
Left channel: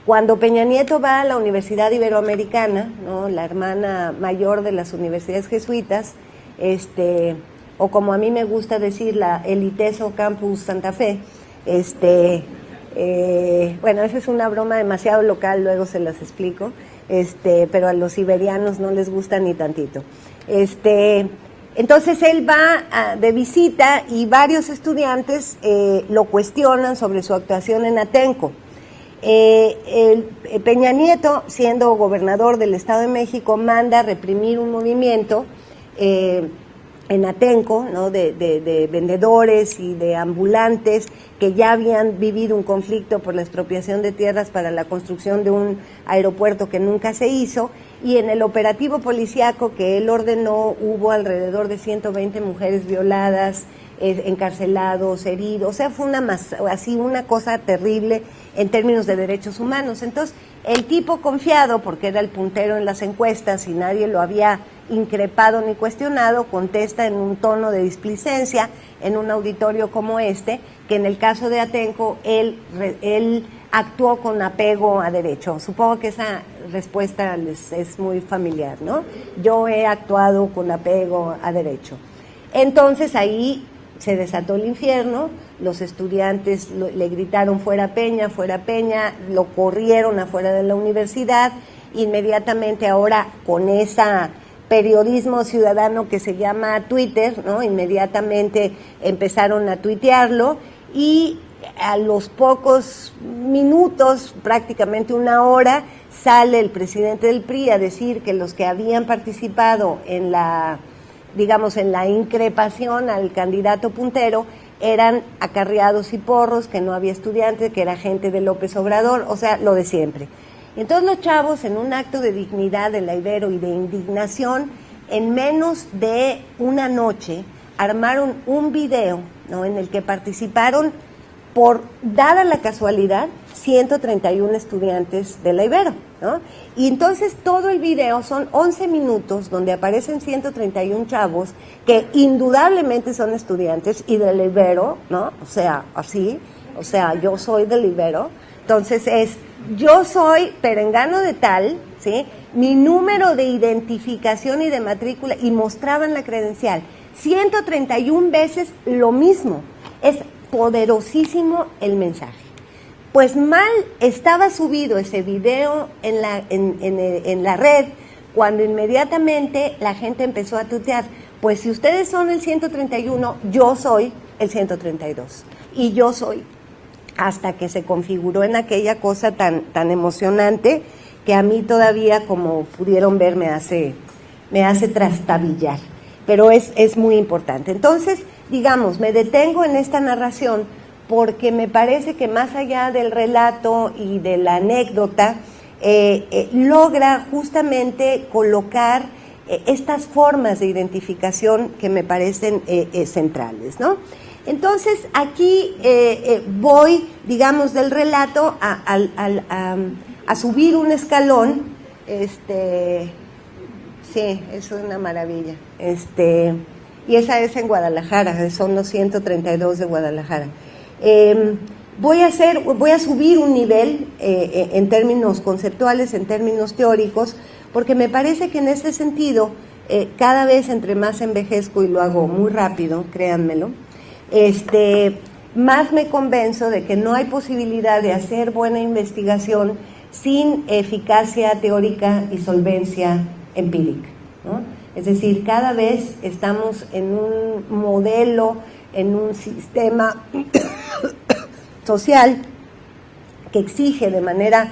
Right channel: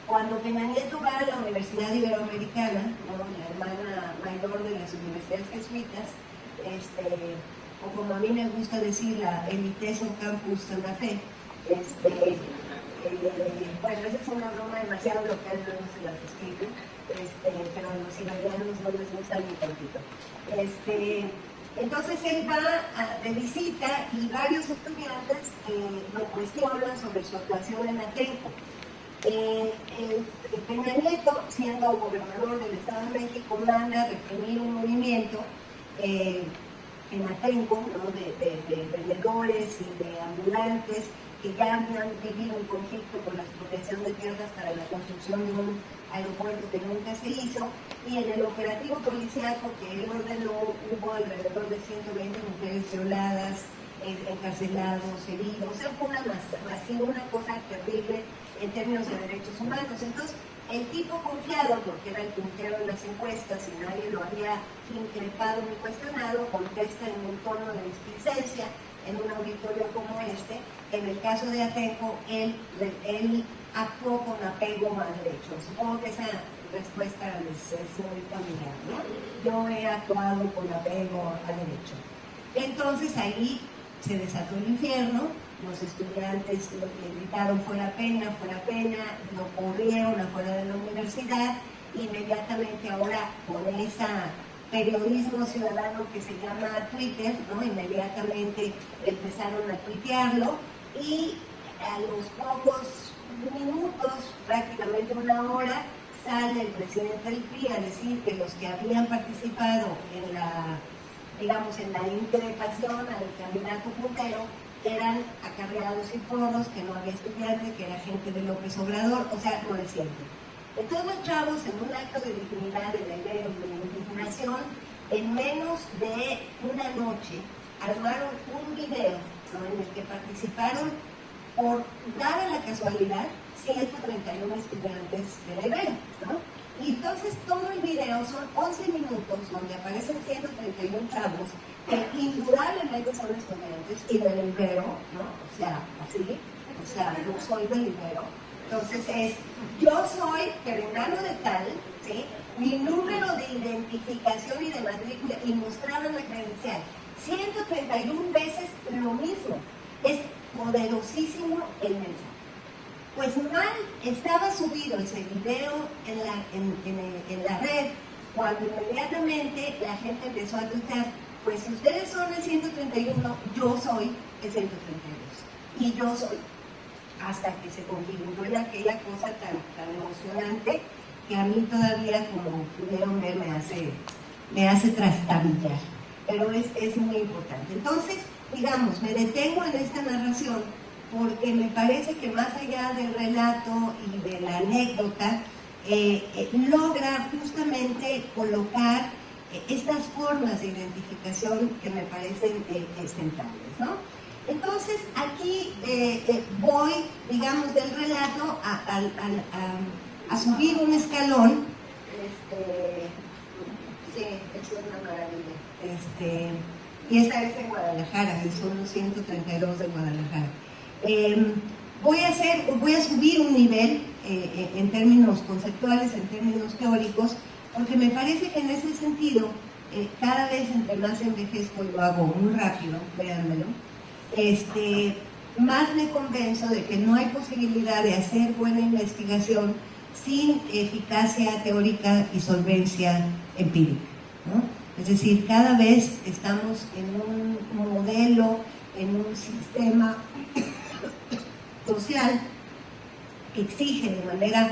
Cuando Peña Nieto va a la Universidad Iberoamericana, ¿no?, la hermana mayor de las universidades jesuitas, o como a mí me gusta decir, el ITESO Campus Santa Fe, bueno, esa es una broma demasiado local, luego se las explico, pero a los iberianos no les gusta ni tantito. Entonces él va de visita y varios estudiantes lo cuestionan sobre su actuación en Atenco. Peña Nieto, siendo gobernador del Estado de México, manda reprimir un movimiento en Atenco, ¿no?, de vendedores y de ambulantes que ya habían vivido un conflicto por la expropiación de tierras para la construcción de un aeropuerto que nunca se hizo, y en el operativo policíaco que él ordenó hubo alrededor de 120 mujeres violadas, encarcelados, heridos. O sea, fue una cosa terrible en términos de derechos humanos. Entonces, el tipo, confiado, porque era el puntero en las encuestas y nadie lo había increpado ni cuestionado, contesta en un tono de displicencia en un auditorio como que en el caso de Atenco él actuó con apego a derecho. Supongo que esa respuesta les es muy familiar, ¿no? Yo he actuado con apego a derecho. Entonces ahí se desató el infierno, los estudiantes le gritaron fuera Peña, lo corrieron afuera de la universidad. Inmediatamente ahora, con esa periodismo ciudadano que se llama Twitter, ¿no?, inmediatamente empezaron a tuitearlo, y a los pocos minutos, prácticamente una hora, sale el presidente del PRI a decir que los que habían participado en la increpación al candidato puntero eran acarreados y porros, que no había estudiantes, que era gente de López Obrador, o sea, lo de siempre. Entonces los chavos, en un acto de dignidad de la Ibero y de indignación, en menos de una noche armaron un video, ¿no?, en el que participaron, dada la casualidad, 131 estudiantes de la Ibero, ¿no? Y entonces todo el video son 11 minutos donde aparecen 131 chavos que indudablemente son estudiantes y de la Ibero, ¿no? O sea, así, yo soy del Ibero. Entonces yo soy perengano de tal, ¿sí?, mi número de identificación y de matrícula, y mostraban la credencial. 131 veces lo mismo. Es poderosísimo el mensaje. Pues mal estaba subido ese video en la red, cuando inmediatamente la gente empezó a tuitear, pues si ustedes son el 131, yo soy el 132. Y yo soy, hasta que se configuró en aquella cosa tan emocionante que a mí todavía, como pudieron ver, me hace trastabillar. Pero es muy importante. Entonces, digamos, me detengo en esta narración porque me parece que más allá del relato y de la anécdota, logra justamente colocar estas formas de identificación que me parecen centrales, ¿no? Entonces, aquí voy, digamos, del relato a subir un escalón. Sí, es una maravilla. Y esa es en Guadalajara, son los 132 de Guadalajara. Voy a subir un nivel en términos conceptuales, en términos teóricos, porque me parece que en ese sentido, cada vez entre más envejezco, y lo hago muy rápido, créanmelo, más me convenzo de que no hay posibilidad de hacer buena investigación sin eficacia teórica y solvencia empírica, ¿no? Es decir, cada vez estamos en un modelo, en un sistema social que exige de manera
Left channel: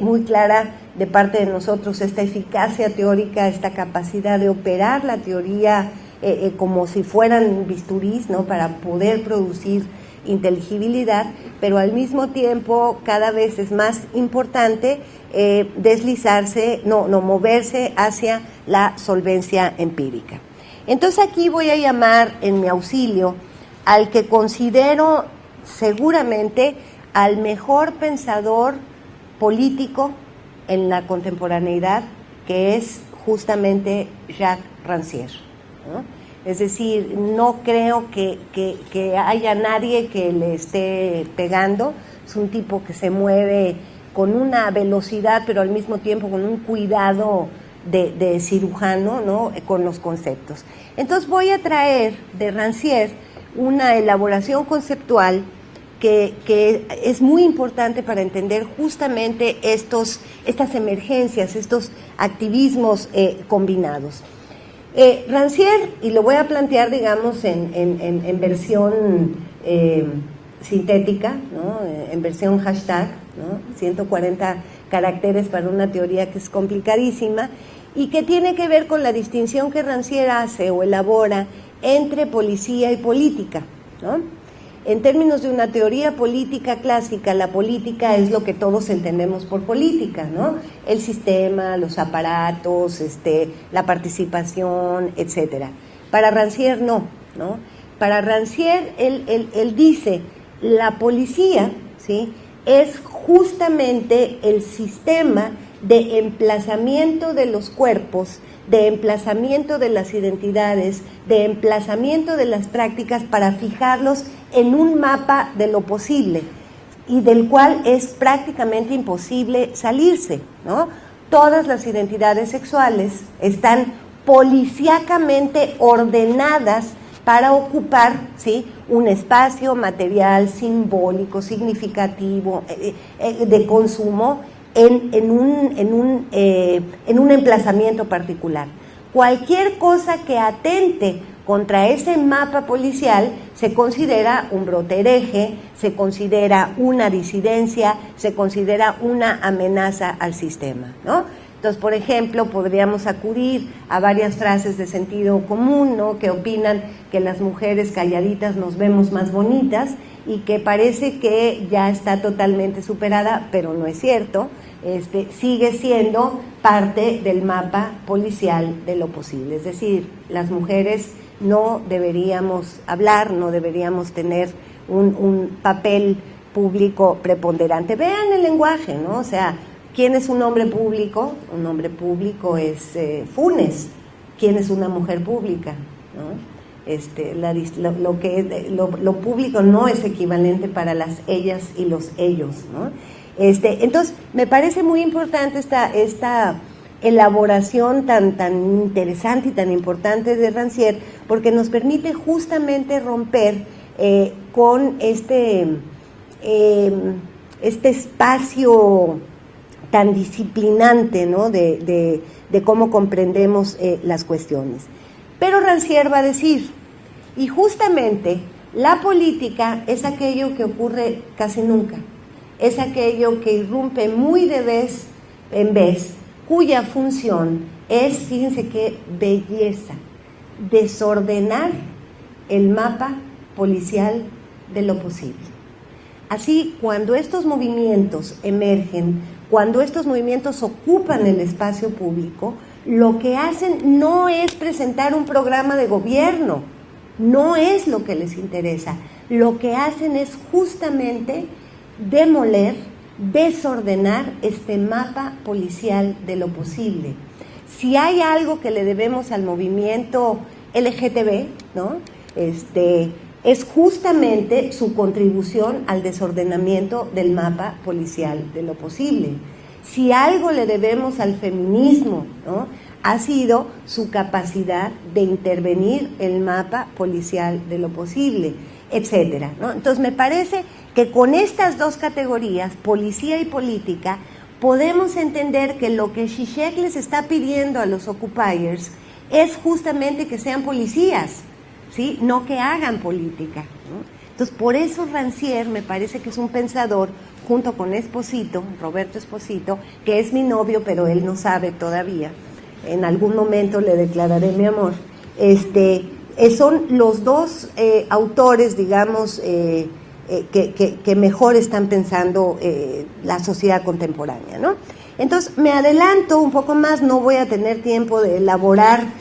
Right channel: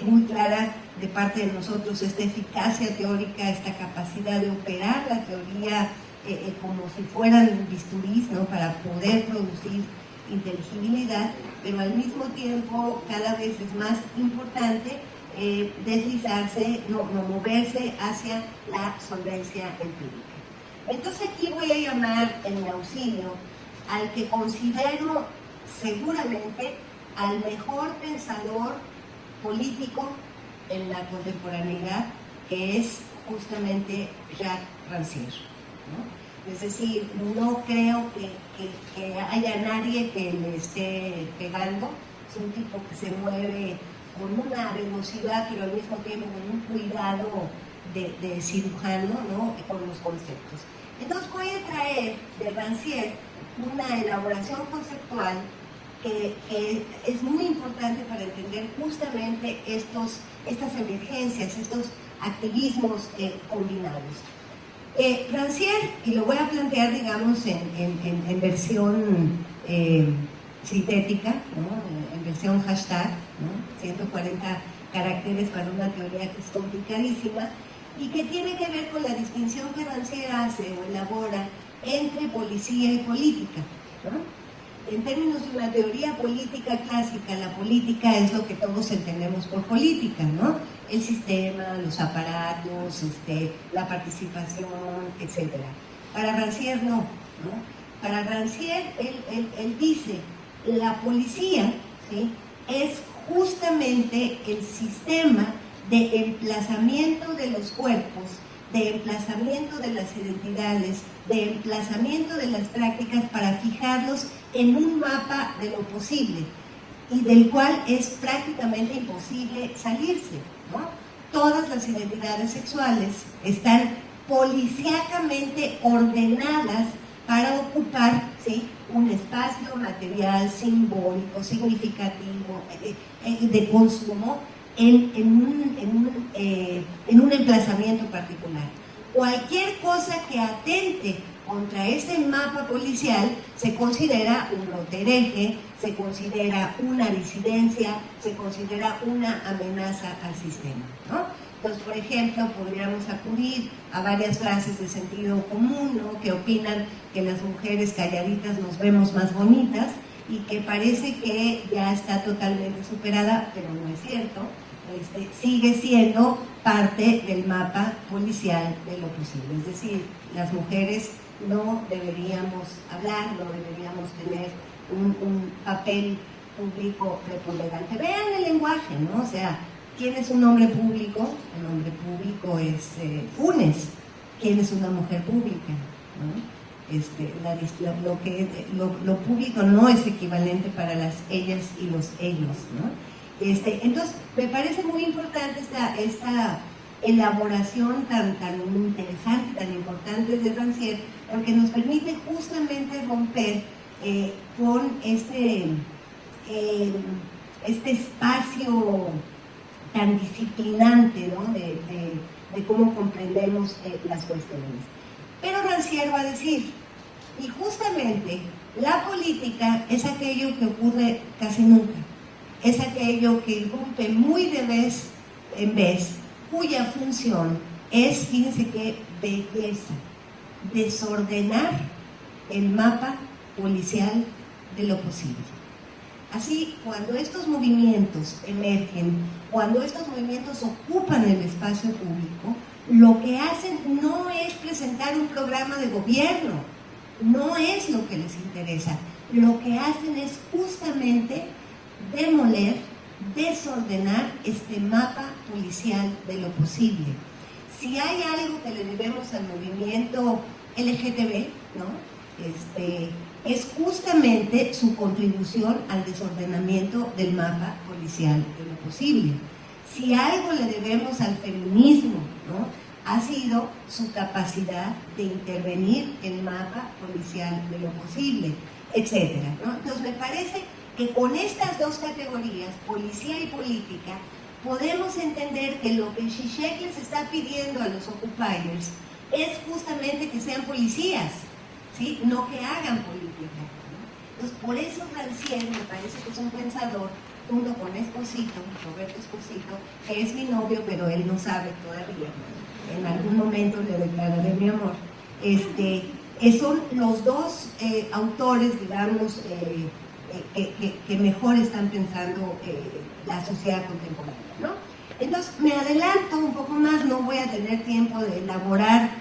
muy clara de parte de nosotros esta eficacia teórica, esta capacidad de operar la teoría como si fueran bisturís, ¿no?, para poder producir inteligibilidad, pero al mismo tiempo cada vez es más importante moverse hacia la solvencia empírica. Entonces aquí voy a llamar en mi auxilio al que considero seguramente al mejor pensador político en la contemporaneidad, que es justamente Jacques Rancière, ¿no? Es decir, no creo que haya nadie que le esté pegando. Es un tipo que se mueve con una velocidad, pero al mismo tiempo con un cuidado de cirujano, ¿no? Con los conceptos. Entonces voy a traer de Rancière una elaboración conceptual que es muy importante para entender justamente estas emergencias, estos activismos combinados. Rancière, y lo voy a plantear, digamos, en versión sintética, ¿no? En versión hashtag, ¿no? 140 caracteres para una teoría que es complicadísima y que tiene que ver con la distinción que Rancière hace o elabora entre policía y política, ¿no? En términos de una teoría política clásica, la política es lo que todos entendemos por política, ¿no? El sistema, los aparatos, la participación, etcétera. Para Rancière no. Para Rancière, él dice, la policía, ¿sí?, es justamente el sistema de emplazamiento de los cuerpos, de emplazamiento de las identidades, de emplazamiento de las prácticas para fijarlos en un mapa de lo posible y del cual es prácticamente imposible salirse, ¿no? Todas las identidades sexuales están policíacamente ordenadas para ocupar, ¿sí?, un espacio material, simbólico, significativo, de consumo en un emplazamiento particular. Cualquier cosa que atente contra ese mapa policial se considera un brote hereje, se considera una disidencia, se considera una amenaza al sistema, ¿no? Entonces, por ejemplo, podríamos acudir a varias frases de sentido común, ¿no?, que opinan que las mujeres calladitas nos vemos más bonitas y que parece que ya está totalmente superada, pero no es cierto. Sigue siendo parte del mapa policial de lo posible. Es decir, las mujeres no deberíamos hablar, no deberíamos tener un papel público preponderante. Vean el lenguaje, ¿no? O sea, ¿quién es un hombre público? Un hombre público es Funes. ¿Quién es una mujer pública? ¿No? Lo público no es equivalente para las ellas y los ellos, ¿no? Entonces, me parece muy importante esta elaboración tan interesante y tan importante de Rancière, porque nos permite justamente romper con este espacio tan disciplinante, ¿no?, de cómo comprendemos las cuestiones. Pero Rancière va a decir, y justamente la política es aquello que ocurre casi nunca, es aquello que irrumpe muy de vez en vez, cuya función es, fíjense qué belleza, desordenar el mapa policial de lo posible. Así, cuando estos movimientos emergen, cuando estos movimientos ocupan el espacio público, lo que hacen no es presentar un programa de gobierno, no es lo que les interesa. Lo que hacen es justamente demoler, desordenar este mapa policial de lo posible. Si hay algo que le debemos al movimiento LGTB, ¿no?, es justamente su contribución al desordenamiento del mapa policial de lo posible. Si algo le debemos al feminismo, ¿no?, ha sido su capacidad de intervenir el mapa policial de lo posible, etcétera, ¿no? Entonces, me parece que con estas dos categorías, policía y política, podemos entender que lo que Zizek les está pidiendo a los occupiers es justamente que sean policías, ¿sí?, no que hagan política, ¿no? Entonces, por eso Rancière me parece que es un pensador, junto con Esposito, Roberto Esposito, que es mi novio, pero él no sabe todavía. En algún momento le declararé mi amor. Son los dos autores, digamos, que mejor están pensando la sociedad contemporánea, ¿no? Entonces, me adelanto un poco más, no voy a tener tiempo de elaborar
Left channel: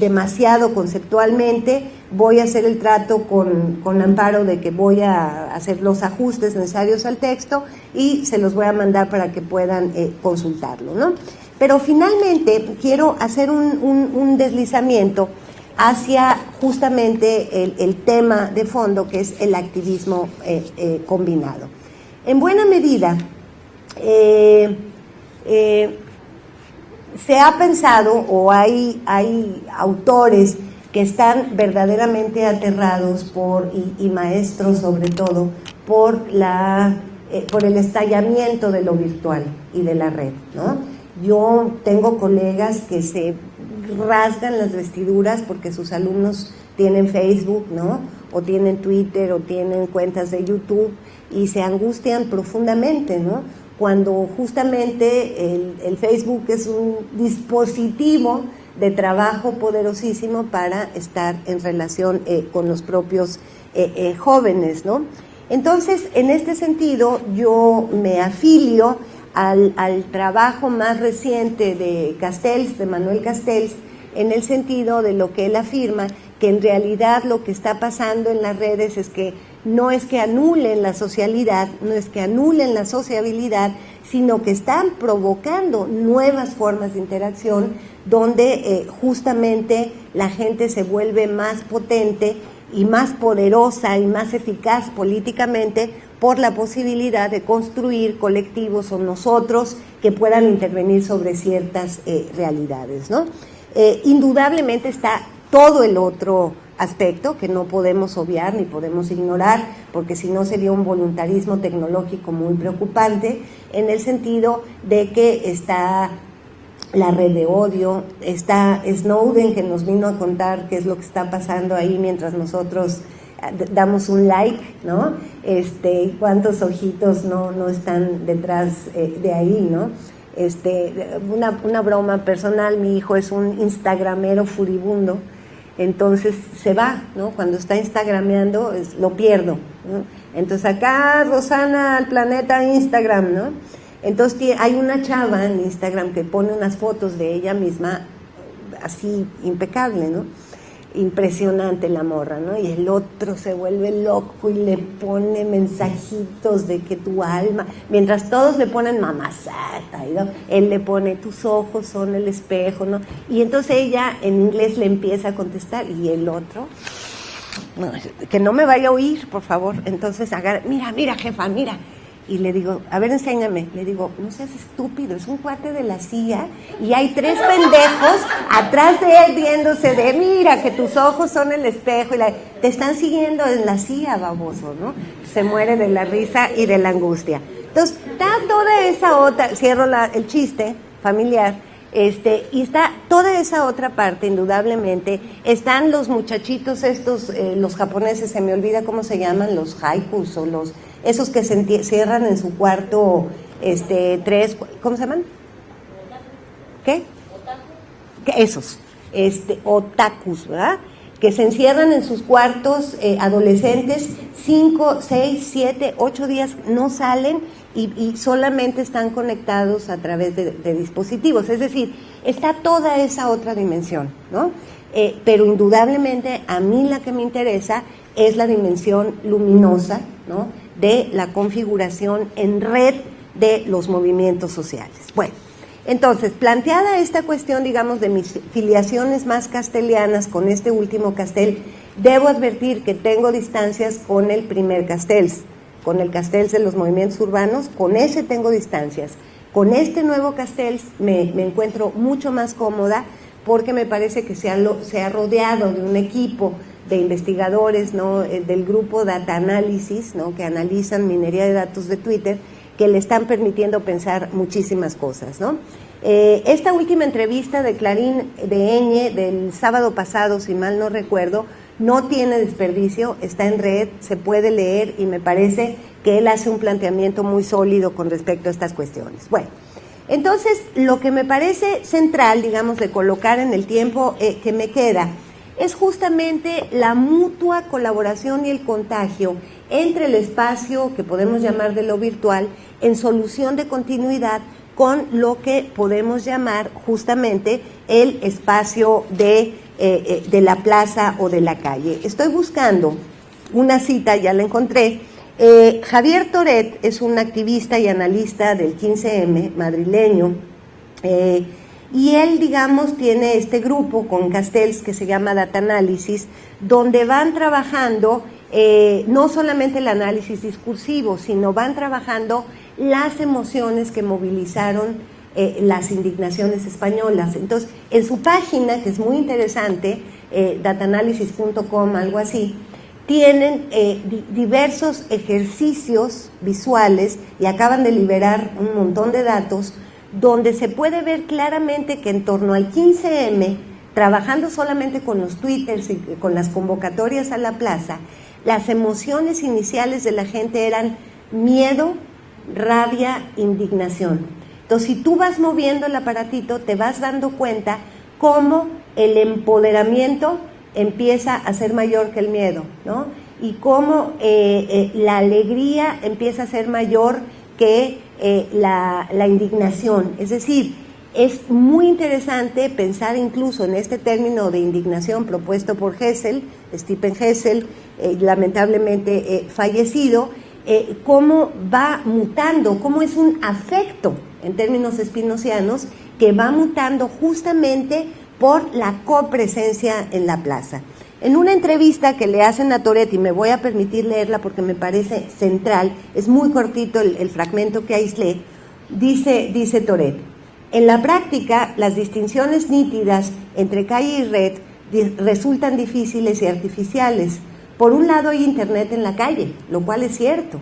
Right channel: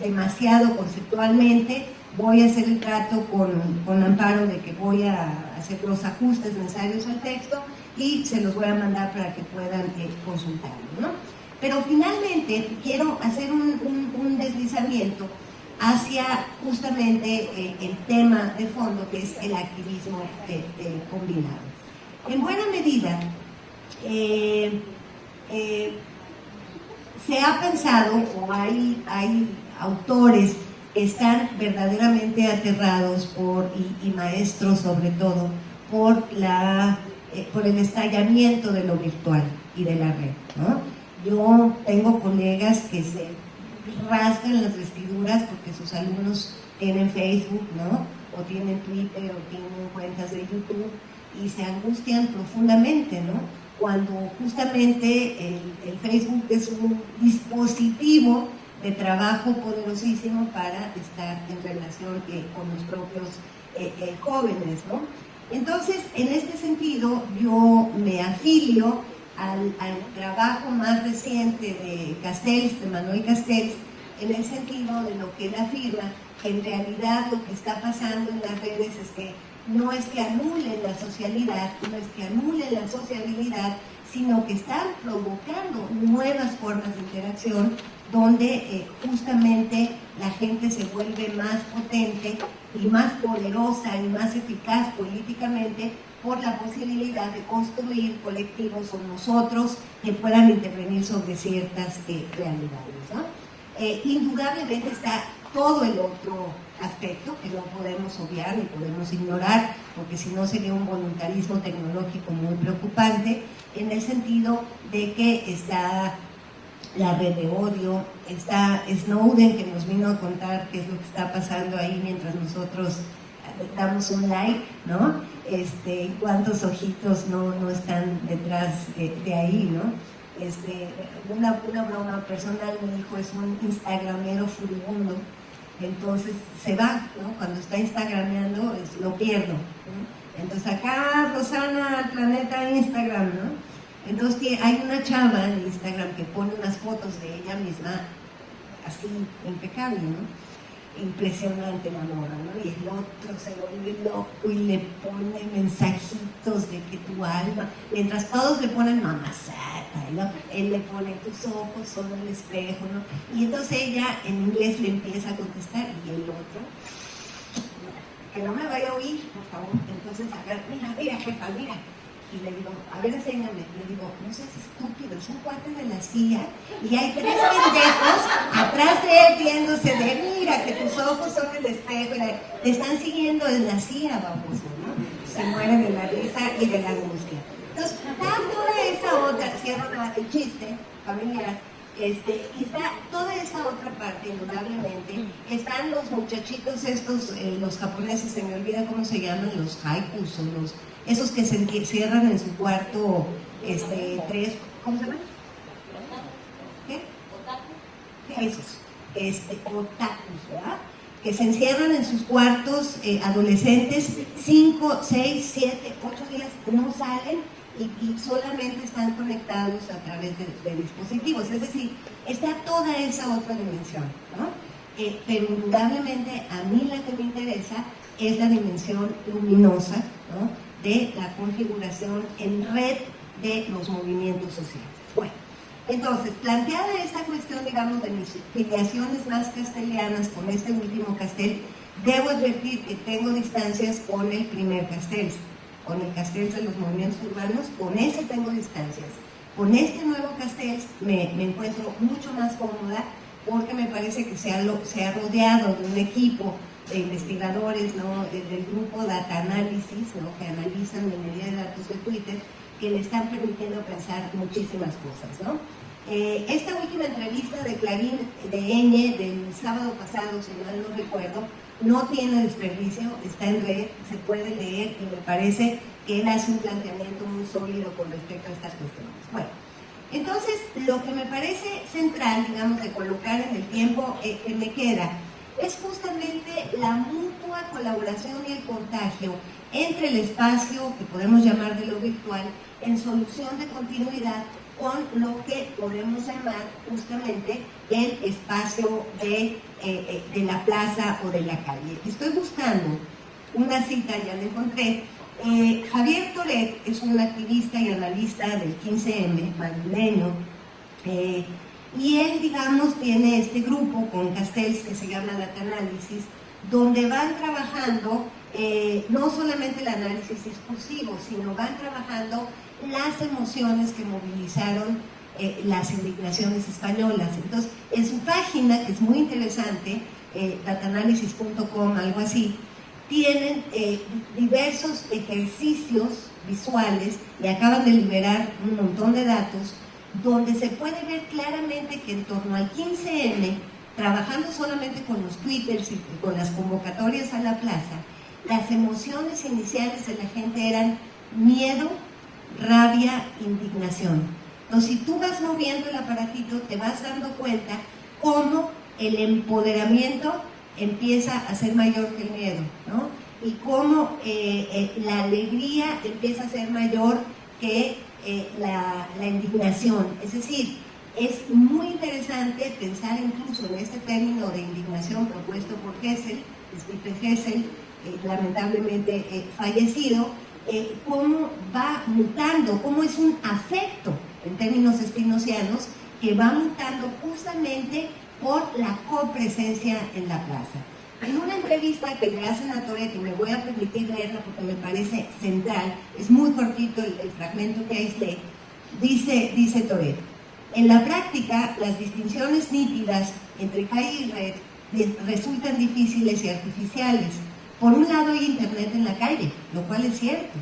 demasiado conceptualmente. Voy a hacer el trato con Amparo de que voy a hacer los ajustes necesarios al texto y se los voy a mandar para que puedan consultarlo, ¿no? Pero finalmente quiero hacer un deslizamiento hacia justamente el tema de fondo, que es el activismo combinado. En buena medida, se ha pensado, o hay autores que están verdaderamente aterrados y maestros sobre todo, por el estallamiento de lo virtual y de la red, ¿no? Yo tengo colegas que se rasgan las vestiduras porque sus alumnos tienen Facebook, ¿no? O tienen Twitter, o tienen cuentas de YouTube, y se angustian profundamente, ¿no? Cuando justamente el Facebook es un dispositivo de trabajo poderosísimo para estar en relación con los propios jóvenes, ¿no? Entonces, en este sentido, yo me afilio al trabajo más reciente de Castells, de Manuel Castells, en el sentido de lo que él afirma, que en realidad lo que está pasando en las redes es que no es que anulen la socialidad, no es que anulen la sociabilidad, sino que están provocando nuevas formas de interacción donde justamente la gente se vuelve más potente y más poderosa y más eficaz políticamente por la posibilidad de construir colectivos o nosotros que puedan intervenir sobre ciertas realidades, ¿no? Indudablemente está todo el otro aspecto que no podemos obviar ni podemos ignorar, porque si no sería un voluntarismo tecnológico muy preocupante, en el sentido de que está la red de odio, está Snowden, que nos vino a contar qué es lo que está pasando ahí mientras nosotros damos un like, ¿no? Y cuántos ojitos no están detrás de ahí, ¿no? Una broma personal, mi hijo es un instagramero furibundo, entonces se va, ¿no? Cuando está instagrameando lo pierdo, ¿no? Entonces acá Rosana al planeta Instagram, ¿no? Entonces hay una chava en Instagram que pone unas fotos de ella misma así impecable, ¿no? Impresionante la morra, ¿no? Y el otro se vuelve loco y le pone mensajitos de que tu alma, mientras todos le ponen mamacita, ¿no? Él le pone tus ojos son el espejo, ¿no? Y entonces ella en inglés le empieza a contestar y el otro, no, que no me vaya a oír, por favor. Entonces agarra, mira jefa, mira. Y le digo, a ver, enséñame. Le digo, no seas estúpido, es un cuate de la CIA y hay 3 pendejos atrás de él viéndose de, mira, que tus ojos son el espejo y te están siguiendo en la CIA, baboso, ¿no? Se muere de la risa y de la angustia. Entonces, está toda esa otra, cierro el chiste familiar, y está toda esa otra parte, indudablemente. Están los muchachitos estos, los japoneses, se me olvida cómo se llaman, los haikus o esos que se cierran en su cuarto, 3, ¿cómo se llaman? ¿Qué? Esos, otakus, ¿verdad? Que se encierran en sus cuartos, adolescentes, 5, 6, 7, 8 días, no salen y solamente están conectados a través de dispositivos. Es decir, está toda esa otra dimensión, ¿no? Pero indudablemente a mí la que me interesa es la dimensión luminosa, ¿no?, de la configuración en red de los movimientos sociales. Bueno, entonces, planteada esta cuestión, digamos, de mis filiaciones más castellianas con este último Castells, debo advertir que tengo distancias con el primer Castells, con el Castells de los movimientos urbanos, con ese tengo distancias. Con este nuevo Castells me encuentro mucho más cómoda porque me parece que se ha rodeado de un equipo de investigadores, ¿no?, del grupo Data Analysis, ¿no?, que analizan minería de datos de Twitter, que le están permitiendo pensar muchísimas cosas, ¿no? Esta última entrevista de Clarín de Eñe del sábado pasado, si mal no recuerdo, no tiene desperdicio, está en red, se puede leer y me parece que él hace un planteamiento muy sólido con respecto a estas cuestiones. Bueno, entonces lo que me parece central, digamos, de colocar en el tiempo que me queda, es justamente la mutua colaboración y el contagio entre el espacio que podemos llamar de lo virtual en solución de continuidad con lo que podemos llamar justamente el espacio de la plaza o de la calle. Estoy buscando una cita, ya la encontré. Javier Toret es un activista y analista del 15M madrileño Y él, digamos, tiene este grupo con Castells que se llama Data Analysis, donde van trabajando no solamente el análisis discursivo, sino van trabajando las emociones que movilizaron las indignaciones españolas. Entonces, en su página, que es muy interesante, dataanalysis.com, algo así, tienen diversos ejercicios visuales y acaban de liberar un montón de datos donde se puede ver claramente que en torno al 15M, trabajando solamente con los twitters y con las convocatorias a la plaza, las emociones iniciales de la gente eran miedo, rabia, indignación. Entonces, si tú vas moviendo el aparatito, te vas dando cuenta cómo el empoderamiento empieza a ser mayor que el miedo, ¿no? Y cómo la alegría empieza a ser mayor que la indignación. Es decir, es muy interesante pensar incluso en este término de indignación propuesto por Hessel, Stephen Hessel, lamentablemente fallecido, cómo va mutando, cómo es un afecto en términos spinozianos que va mutando justamente por la copresencia en la plaza. En una entrevista que le hacen a Toret, y me voy a permitir leerla porque me parece central, es muy cortito el fragmento que aislé, dice Toret: en la práctica, las distinciones nítidas entre calle y red resultan difíciles y artificiales. Por un lado hay internet en la calle, lo cual es cierto.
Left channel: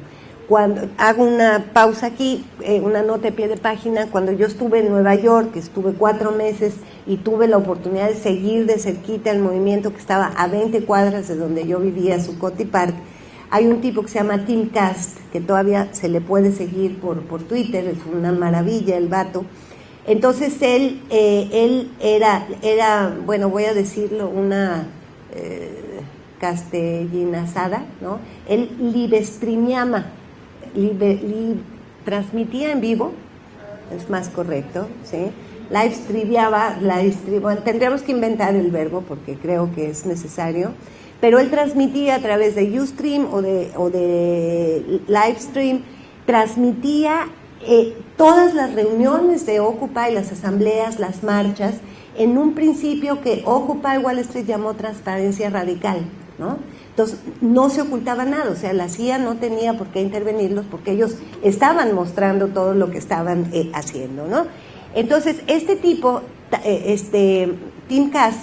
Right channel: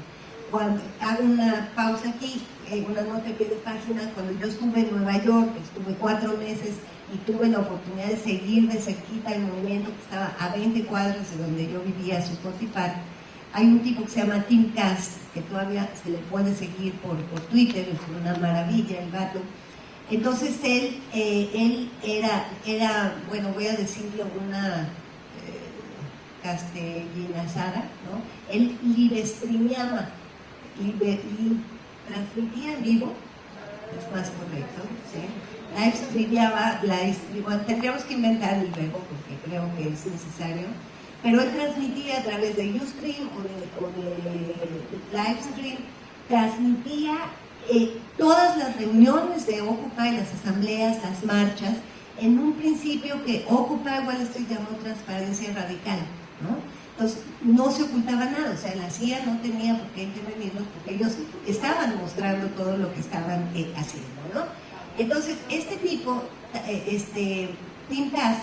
Cuando hago una pausa aquí, una nota de pie de página, cuando yo estuve en Nueva York, estuve 4 meses y tuve la oportunidad de seguir de cerquita el movimiento que estaba a 20 cuadras de donde yo vivía, Zuccotti Park, hay un tipo que se llama Tim Cast, que todavía se le puede seguir por Twitter, es una maravilla el vato. Entonces él era, bueno, voy a decirlo, una castellinazada, ¿no? Él transmitía en vivo, es más correcto, ¿sí? Tendríamos que inventar el verbo porque creo que es necesario, pero él transmitía a través de Ustream o de Livestream, transmitía todas las reuniones de Occupy, las asambleas, las marchas, en un principio que Occupy Wall Street llamó transparencia radical, ¿no? Entonces, no se ocultaba nada, o sea, la CIA no tenía por qué intervenirlos porque ellos estaban mostrando todo lo que estaban haciendo, ¿no? Entonces, este tipo, Tim Cass,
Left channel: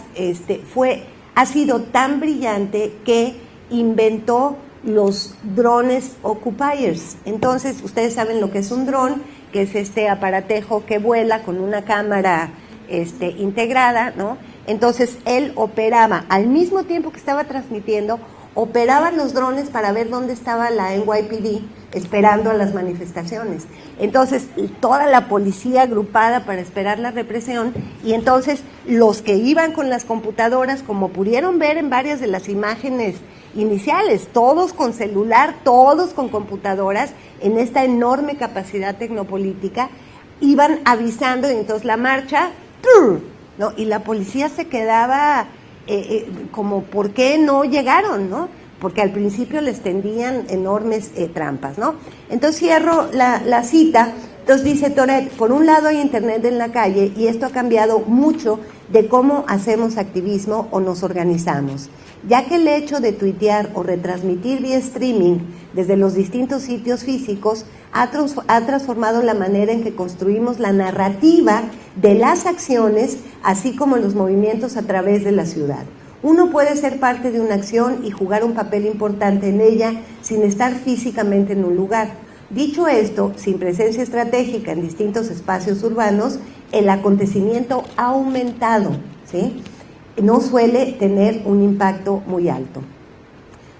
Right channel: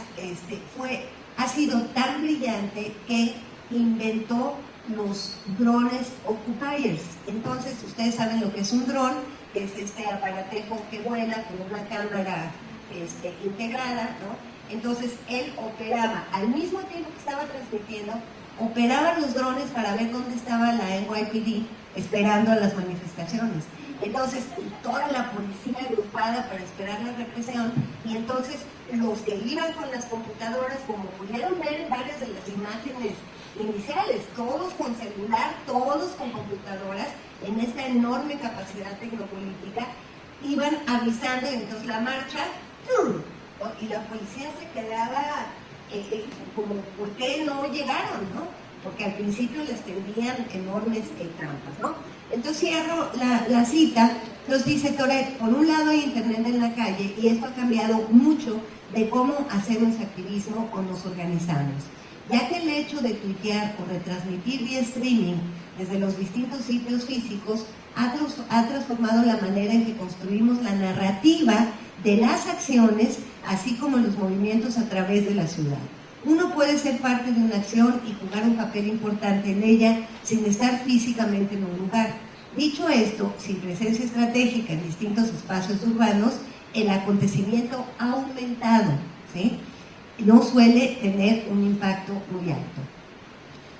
ha sido tan brillante que inventó los drones occupiers. Entonces, ustedes saben lo que es un dron, que es este aparatejo que vuela con una cámara integrada, ¿no? Entonces, él operaba, al mismo tiempo que estaba transmitiendo, operaban los drones para ver dónde estaba la NYPD esperando a las manifestaciones. Entonces, toda la policía agrupada para esperar la represión, y entonces los que iban con las computadoras, como pudieron ver en varias de las imágenes iniciales, todos con celular, todos con computadoras, en esta enorme capacidad tecnopolítica, iban avisando, y entonces la marcha, ¿no? Y la policía se quedaba como, ¿por qué no llegaron, no? Porque al principio les tendían enormes trampas, ¿no? Entonces cierro la cita. Entonces dice Toret: por un lado hay internet en la calle y esto ha cambiado mucho de cómo hacemos activismo o nos organizamos, ya que el hecho de tuitear o retransmitir vía streaming desde los distintos sitios físicos ha transformado la manera en que construimos la narrativa de las acciones, así como los movimientos a través de la ciudad. Uno puede ser parte de una acción y jugar un papel importante en ella sin estar físicamente en un lugar. Dicho esto, sin presencia estratégica en distintos espacios urbanos, el acontecimiento ha aumentado, ¿sí? No suele tener un impacto muy alto.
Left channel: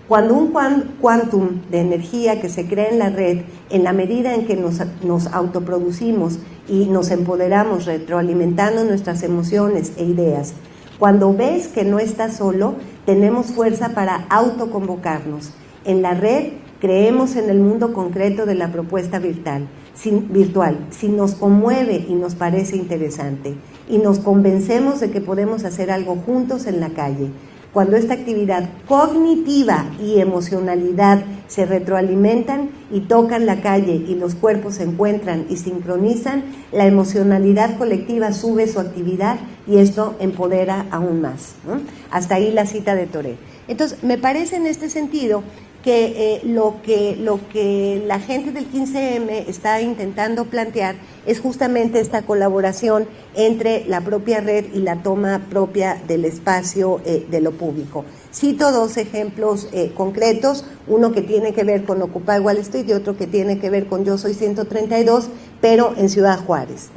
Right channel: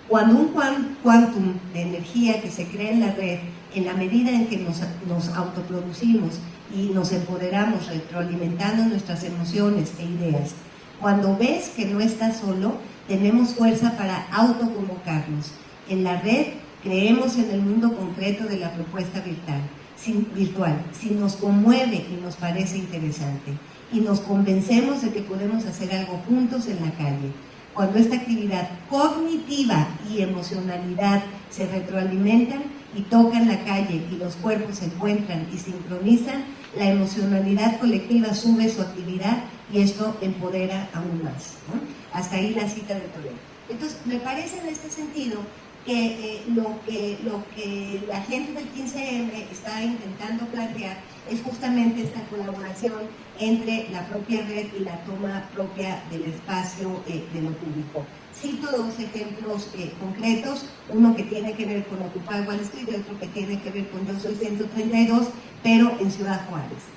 Cuando un quantum de energía que se crea en la red, en la medida en que nos autoproducimos y nos empoderamos retroalimentando nuestras emociones e ideas, cuando ves que no estás solo, tenemos fuerza para autoconvocarnos. En la red creemos en el mundo concreto de la propuesta virtual. Si nos conmueve y nos parece interesante, y nos convencemos de que podemos hacer algo juntos en la calle. Cuando esta actividad cognitiva y emocionalidad se retroalimentan y tocan la calle y los cuerpos se encuentran y sincronizan, la emocionalidad colectiva sube su actividad y esto empodera aún más, ¿no? Hasta ahí la cita de Toré. Entonces, me parece en este sentido que lo que la gente del 15M está intentando plantear es justamente esta colaboración entre la propia red y la toma propia del espacio de lo público. Cito dos ejemplos concretos, uno que tiene que ver con Occupy Wall Street y otro que tiene que ver con Yo Soy 132, pero en Ciudad Juárez.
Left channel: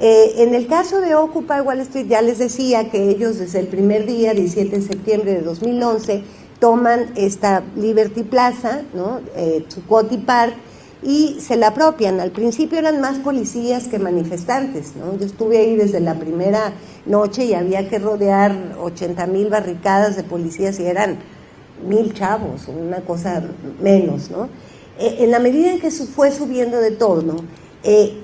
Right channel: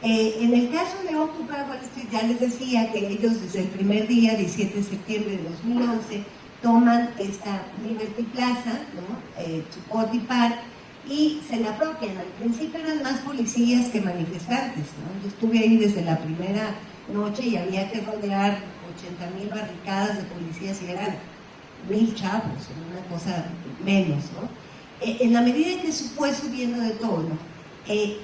En el caso de Occupy Wall Street, ya les decía que ellos desde el primer día, 17 de septiembre de 2011, toman esta Liberty Plaza, ¿no? Zuccotti Park, y se la apropian. Al principio eran más policías que manifestantes, ¿no? Yo estuve ahí desde la primera noche y había que rodear 80,000 barricadas de policías y eran 1,000 chavos, una cosa menos, ¿no? En la medida en que fue subiendo de tono,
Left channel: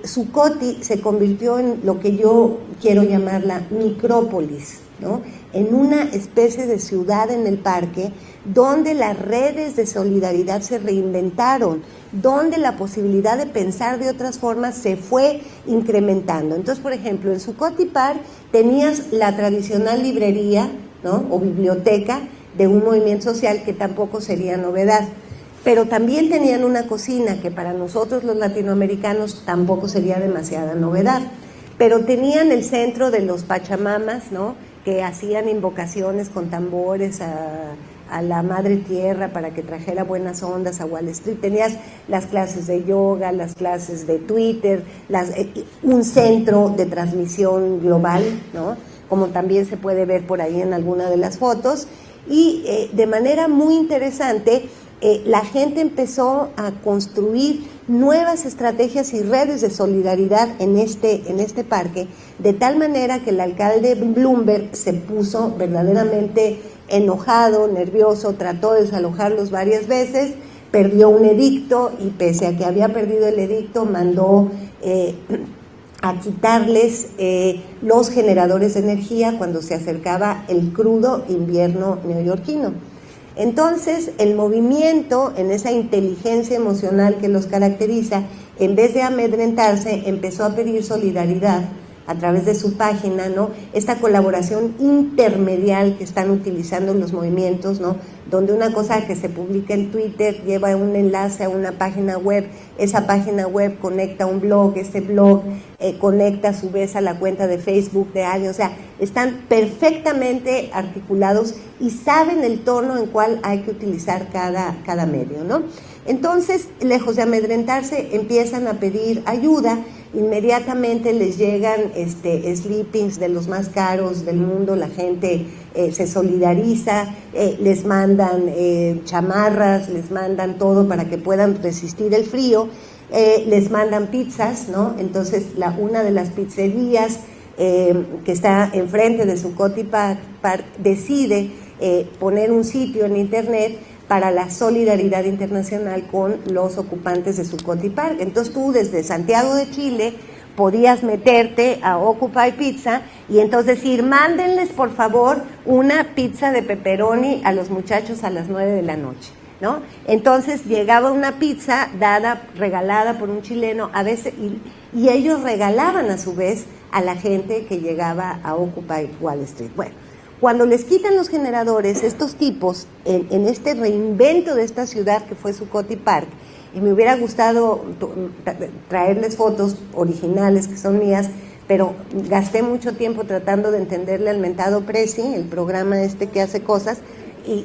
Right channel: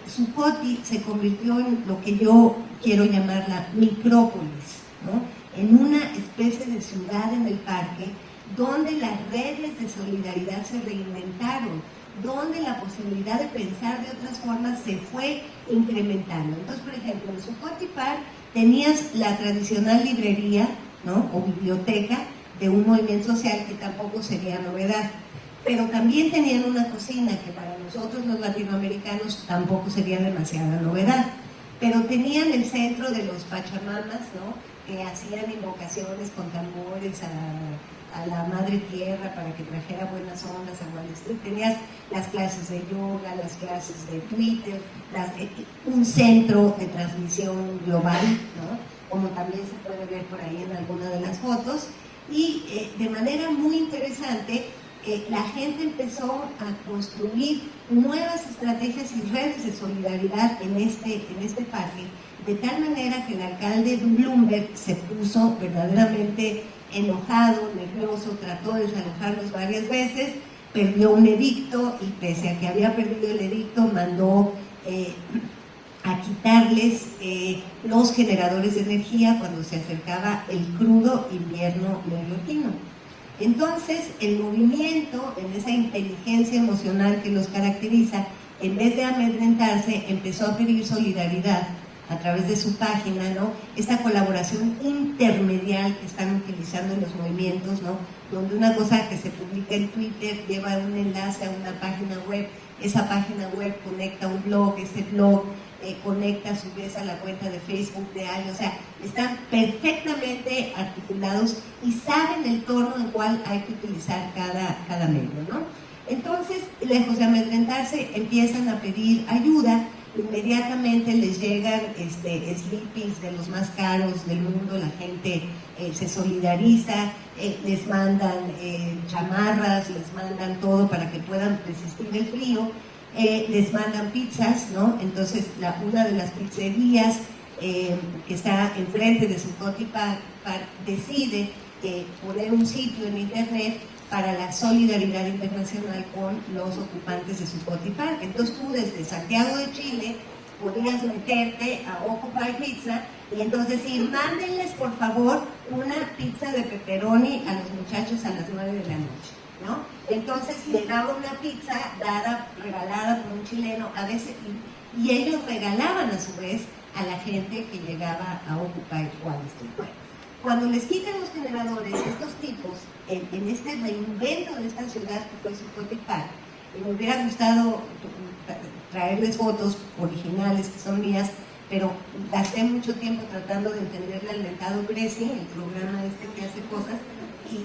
Zuccotti se convirtió en lo que yo quiero llamar la micrópolis, ¿no? En una especie de ciudad en el parque donde las redes de solidaridad se reinventaron, donde la posibilidad de pensar de otras formas se fue incrementando. Entonces, por ejemplo, en Zuccotti Park tenías la tradicional librería, ¿no? O biblioteca de un movimiento social que tampoco sería novedad, pero también tenían una cocina que para nosotros los latinoamericanos tampoco sería demasiada novedad, pero tenían el centro de los Pachamamas, ¿no? Que hacían invocaciones con tambores a la madre tierra para que trajera buenas ondas a Wall Street. Tenías las clases de yoga, las clases de Twitter, un centro de transmisión global, ¿no? Como también se puede ver por ahí en alguna de las fotos, y de manera muy interesante la gente empezó a construir nuevas estrategias y redes de solidaridad en este parque, de tal manera que el alcalde Bloomberg se puso verdaderamente enojado, nervioso, trató de desalojarlos varias veces, perdió un edicto y pese a que había perdido el edicto mandó a quitarles los generadores de energía cuando se acercaba el crudo invierno neoyorquino. Entonces, el movimiento, en esa inteligencia emocional que los caracteriza, en vez de amedrentarse, empezó a pedir solidaridad a través de su página, ¿no? Esta colaboración intermedial que están utilizando en los movimientos, ¿no? Donde una cosa que se publica en Twitter lleva un enlace a una página web, esa página web conecta a un blog, ese blog conecta a su vez a la cuenta de Facebook de alguien, o sea, están perfectamente articulados y saben el tono en cual hay que utilizar cada medio, ¿no? Entonces, lejos de amedrentarse, empiezan a pedir ayuda, inmediatamente les llegan sleepings de los más caros del mundo, la gente se solidariza, les mandan chamarras, les mandan todo para que puedan resistir el frío, les mandan pizzas, ¿no? Entonces una de las pizzerías que está enfrente de Zuccotti Park decide poner un sitio en internet para la solidaridad internacional con los ocupantes de Zuccotti Park. Entonces tú desde Santiago de Chile podías meterte a Occupy Pizza y entonces decir, mándenles por favor una pizza de pepperoni a los muchachos a las 9 de la noche, ¿no? Entonces llegaba una pizza regalada por un chileno, a veces, y ellos regalaban a su vez a la gente que llegaba a Occupy Wall Street. Bueno, cuando les quitan los generadores, estos tipos, en este reinvento de esta ciudad que fue Zuccotti Park, y me hubiera gustado traerles fotos originales que son mías, pero gasté mucho tiempo tratando de entenderle al mentado Prezi, el programa que hace cosas, y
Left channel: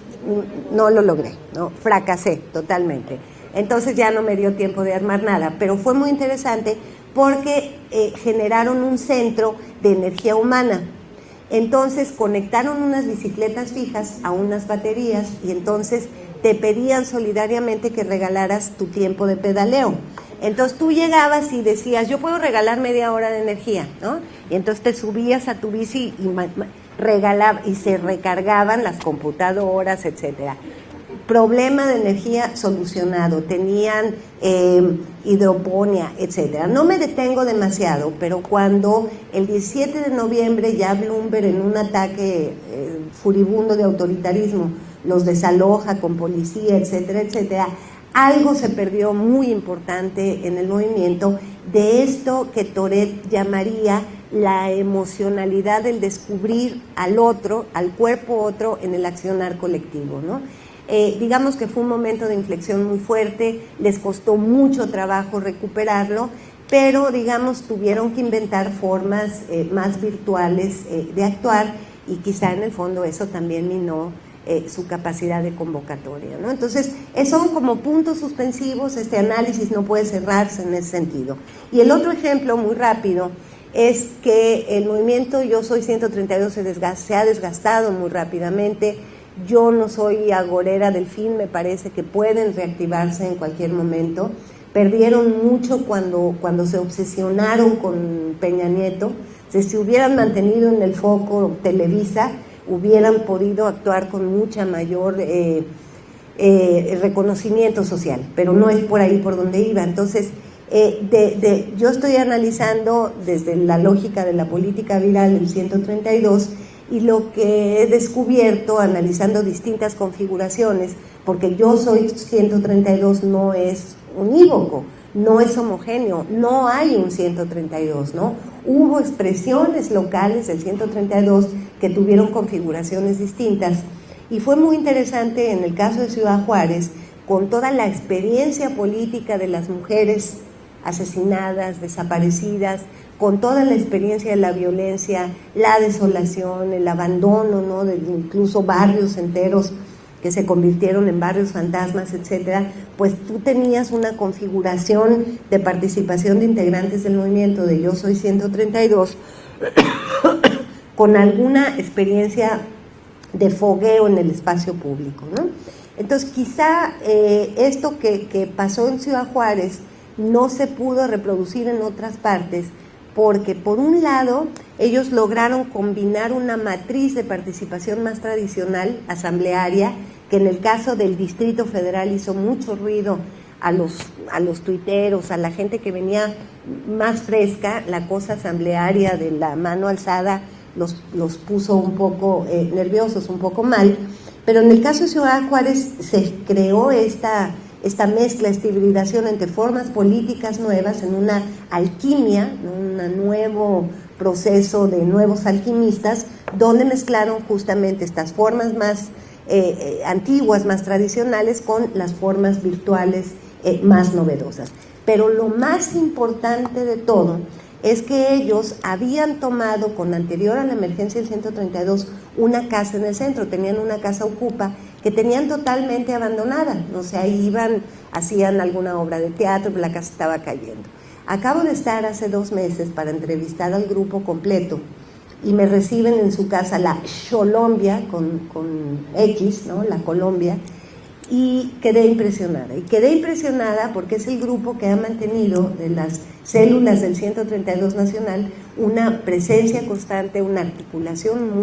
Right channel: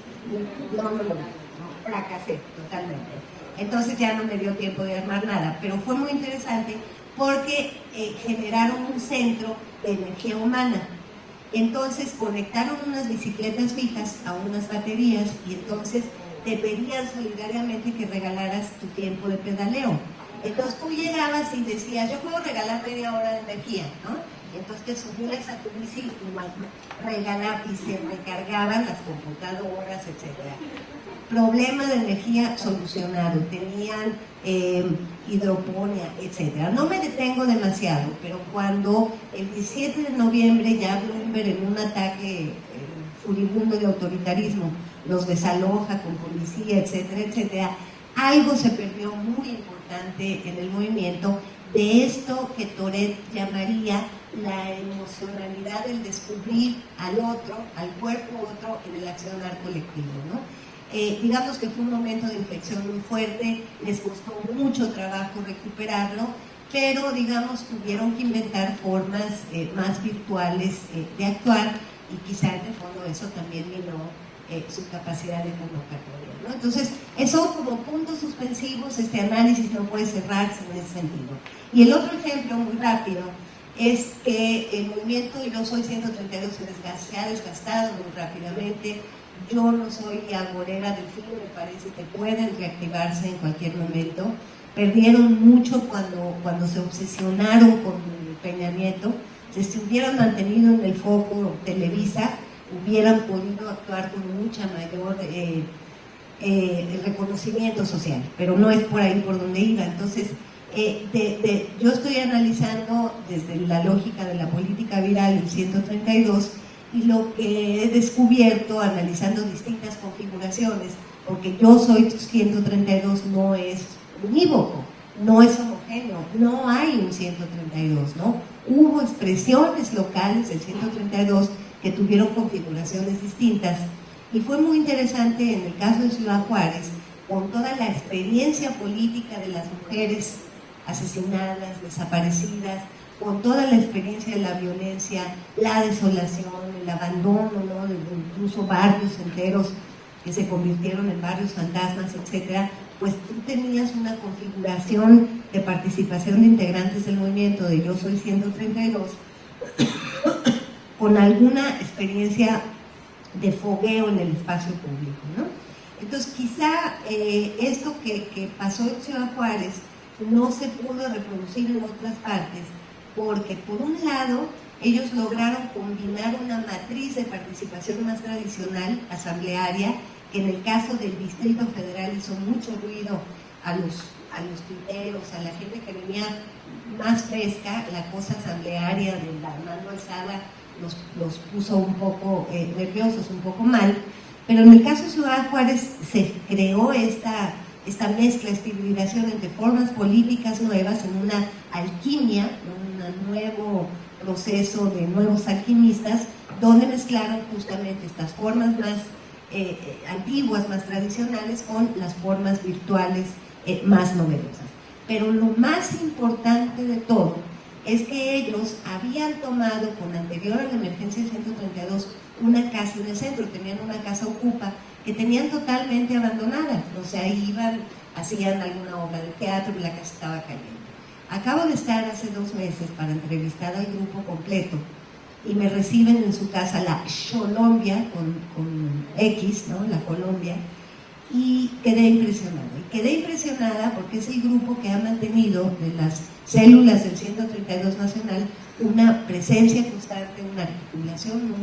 no lo logré, ¿no? Fracasé totalmente. Entonces ya no me dio tiempo de armar nada, pero fue muy interesante porque generaron un centro de energía humana. Entonces conectaron unas bicicletas fijas a unas baterías y entonces te pedían solidariamente que regalaras tu tiempo de pedaleo. Entonces tú llegabas y decías, yo puedo regalar media hora de energía, ¿no? Y entonces te subías a tu bici y se recargaban las computadoras, etcétera. Problema de energía solucionado, tenían hidroponía, etcétera. No me detengo demasiado, pero cuando el 17 de noviembre ya Bloomberg en un ataque furibundo de autoritarismo los desaloja con policía, etcétera, etcétera, algo se perdió muy importante en el movimiento de esto que Toret llamaría la emocionalidad del descubrir al otro, al cuerpo otro en el accionar colectivo, ¿no? Digamos que fue un momento de inflexión muy fuerte, les costó mucho trabajo recuperarlo, pero digamos tuvieron que inventar formas más virtuales de actuar, y quizá en el fondo eso también minó su capacidad de convocatoria, ¿no? Entonces, son como puntos suspensivos, este análisis no puede cerrarse en ese sentido. Y el otro ejemplo, muy rápido, es que el movimiento Yo Soy 132 se ha desgastado muy rápidamente. Yo no soy agorera del fin, me parece que pueden reactivarse en cualquier momento. Perdieron mucho cuando se obsesionaron con Peña Nieto. Si se hubieran mantenido en el foco Televisa, hubieran podido actuar con mucha mayor reconocimiento social, pero no es por ahí por donde iba. Entonces, yo estoy analizando desde la lógica de la política viral el 132, y lo que he descubierto analizando distintas configuraciones, porque Yo Soy 132 no es unívoco, no es homogéneo, no hay un 132, ¿no? Hubo expresiones locales del 132 que tuvieron configuraciones distintas, y fue muy interesante en el caso de Ciudad Juárez, con toda la experiencia política de las mujeres asesinadas, desaparecidas, con toda la experiencia de la violencia, la desolación, el abandono, ¿no?, de incluso barrios enteros que se convirtieron en barrios fantasmas, etcétera, pues tú tenías una configuración de participación de integrantes del movimiento de Yo Soy 132 con alguna experiencia de fogueo en el espacio público, ¿no? Entonces, quizá esto que pasó en Ciudad Juárez no se pudo reproducir en otras partes, porque por un lado ellos lograron combinar una matriz de participación más tradicional, asamblearia, que en el caso del Distrito Federal hizo mucho ruido a los tuiteros, a la gente que venía más fresca. La cosa asamblearia de la mano alzada los puso un poco nerviosos, un poco mal, pero en el caso de Ciudad Juárez se creó esta mezcla, esta hibridación entre formas políticas nuevas en una alquimia, un nuevo proceso de nuevos alquimistas, donde mezclaron justamente estas formas más antiguas, más tradicionales, con las formas virtuales más novedosas. Pero lo más importante de todo es que ellos habían tomado, con anterior a la emergencia del 132, una casa en el centro, tenían una casa ocupa que tenían totalmente abandonada, o sea, iban, hacían alguna obra de teatro, pero la casa estaba cayendo. Acabo de estar hace 2 meses para entrevistar al grupo completo, y me reciben en su casa, la Colombia, con X, ¿no?, la Colombia, y quedé impresionada porque es el grupo que ha mantenido en las células del 132 Nacional una presencia constante, una articulación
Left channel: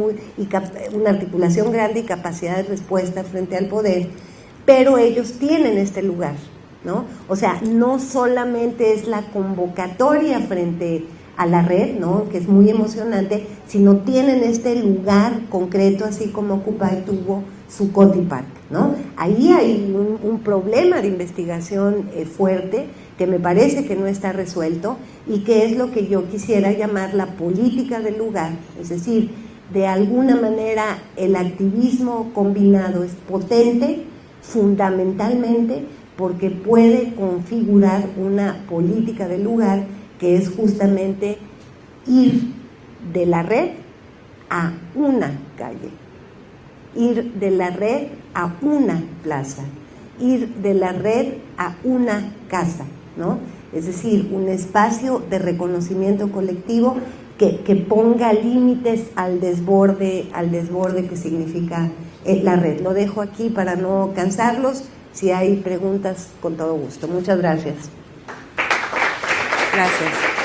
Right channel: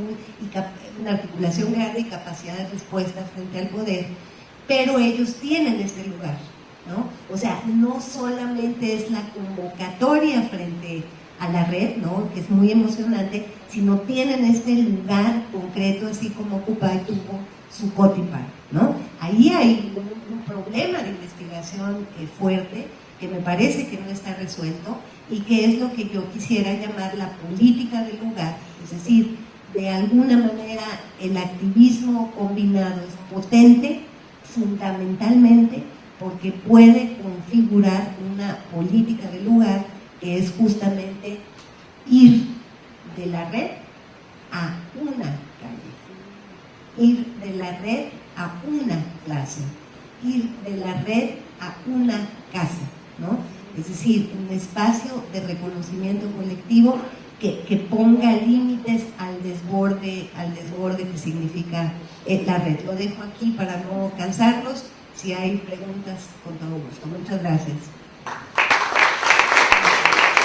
grande y capacidad de respuesta frente al poder, pero ellos tienen este lugar, ¿no? O sea, no solamente es la convocatoria frente a la red, ¿no?, que es muy emocionante, sino tienen este lugar concreto, así como Occupy tuvo su Coti Park, ¿no? Ahí hay un problema de investigación fuerte, que me parece que no está resuelto, y que es lo que yo quisiera llamar la política del lugar. Es decir, de alguna manera el activismo combinado es potente, fundamentalmente porque puede configurar una política del lugar, que es justamente ir de la red a una calle, ir de la red a una plaza, ir de la red a una casa, ¿no? Es decir, un espacio de reconocimiento colectivo que ponga límites al desborde que significa la red. Lo dejo aquí para no cansarlos. Si hay preguntas, con todo gusto. Muchas gracias. Gracias.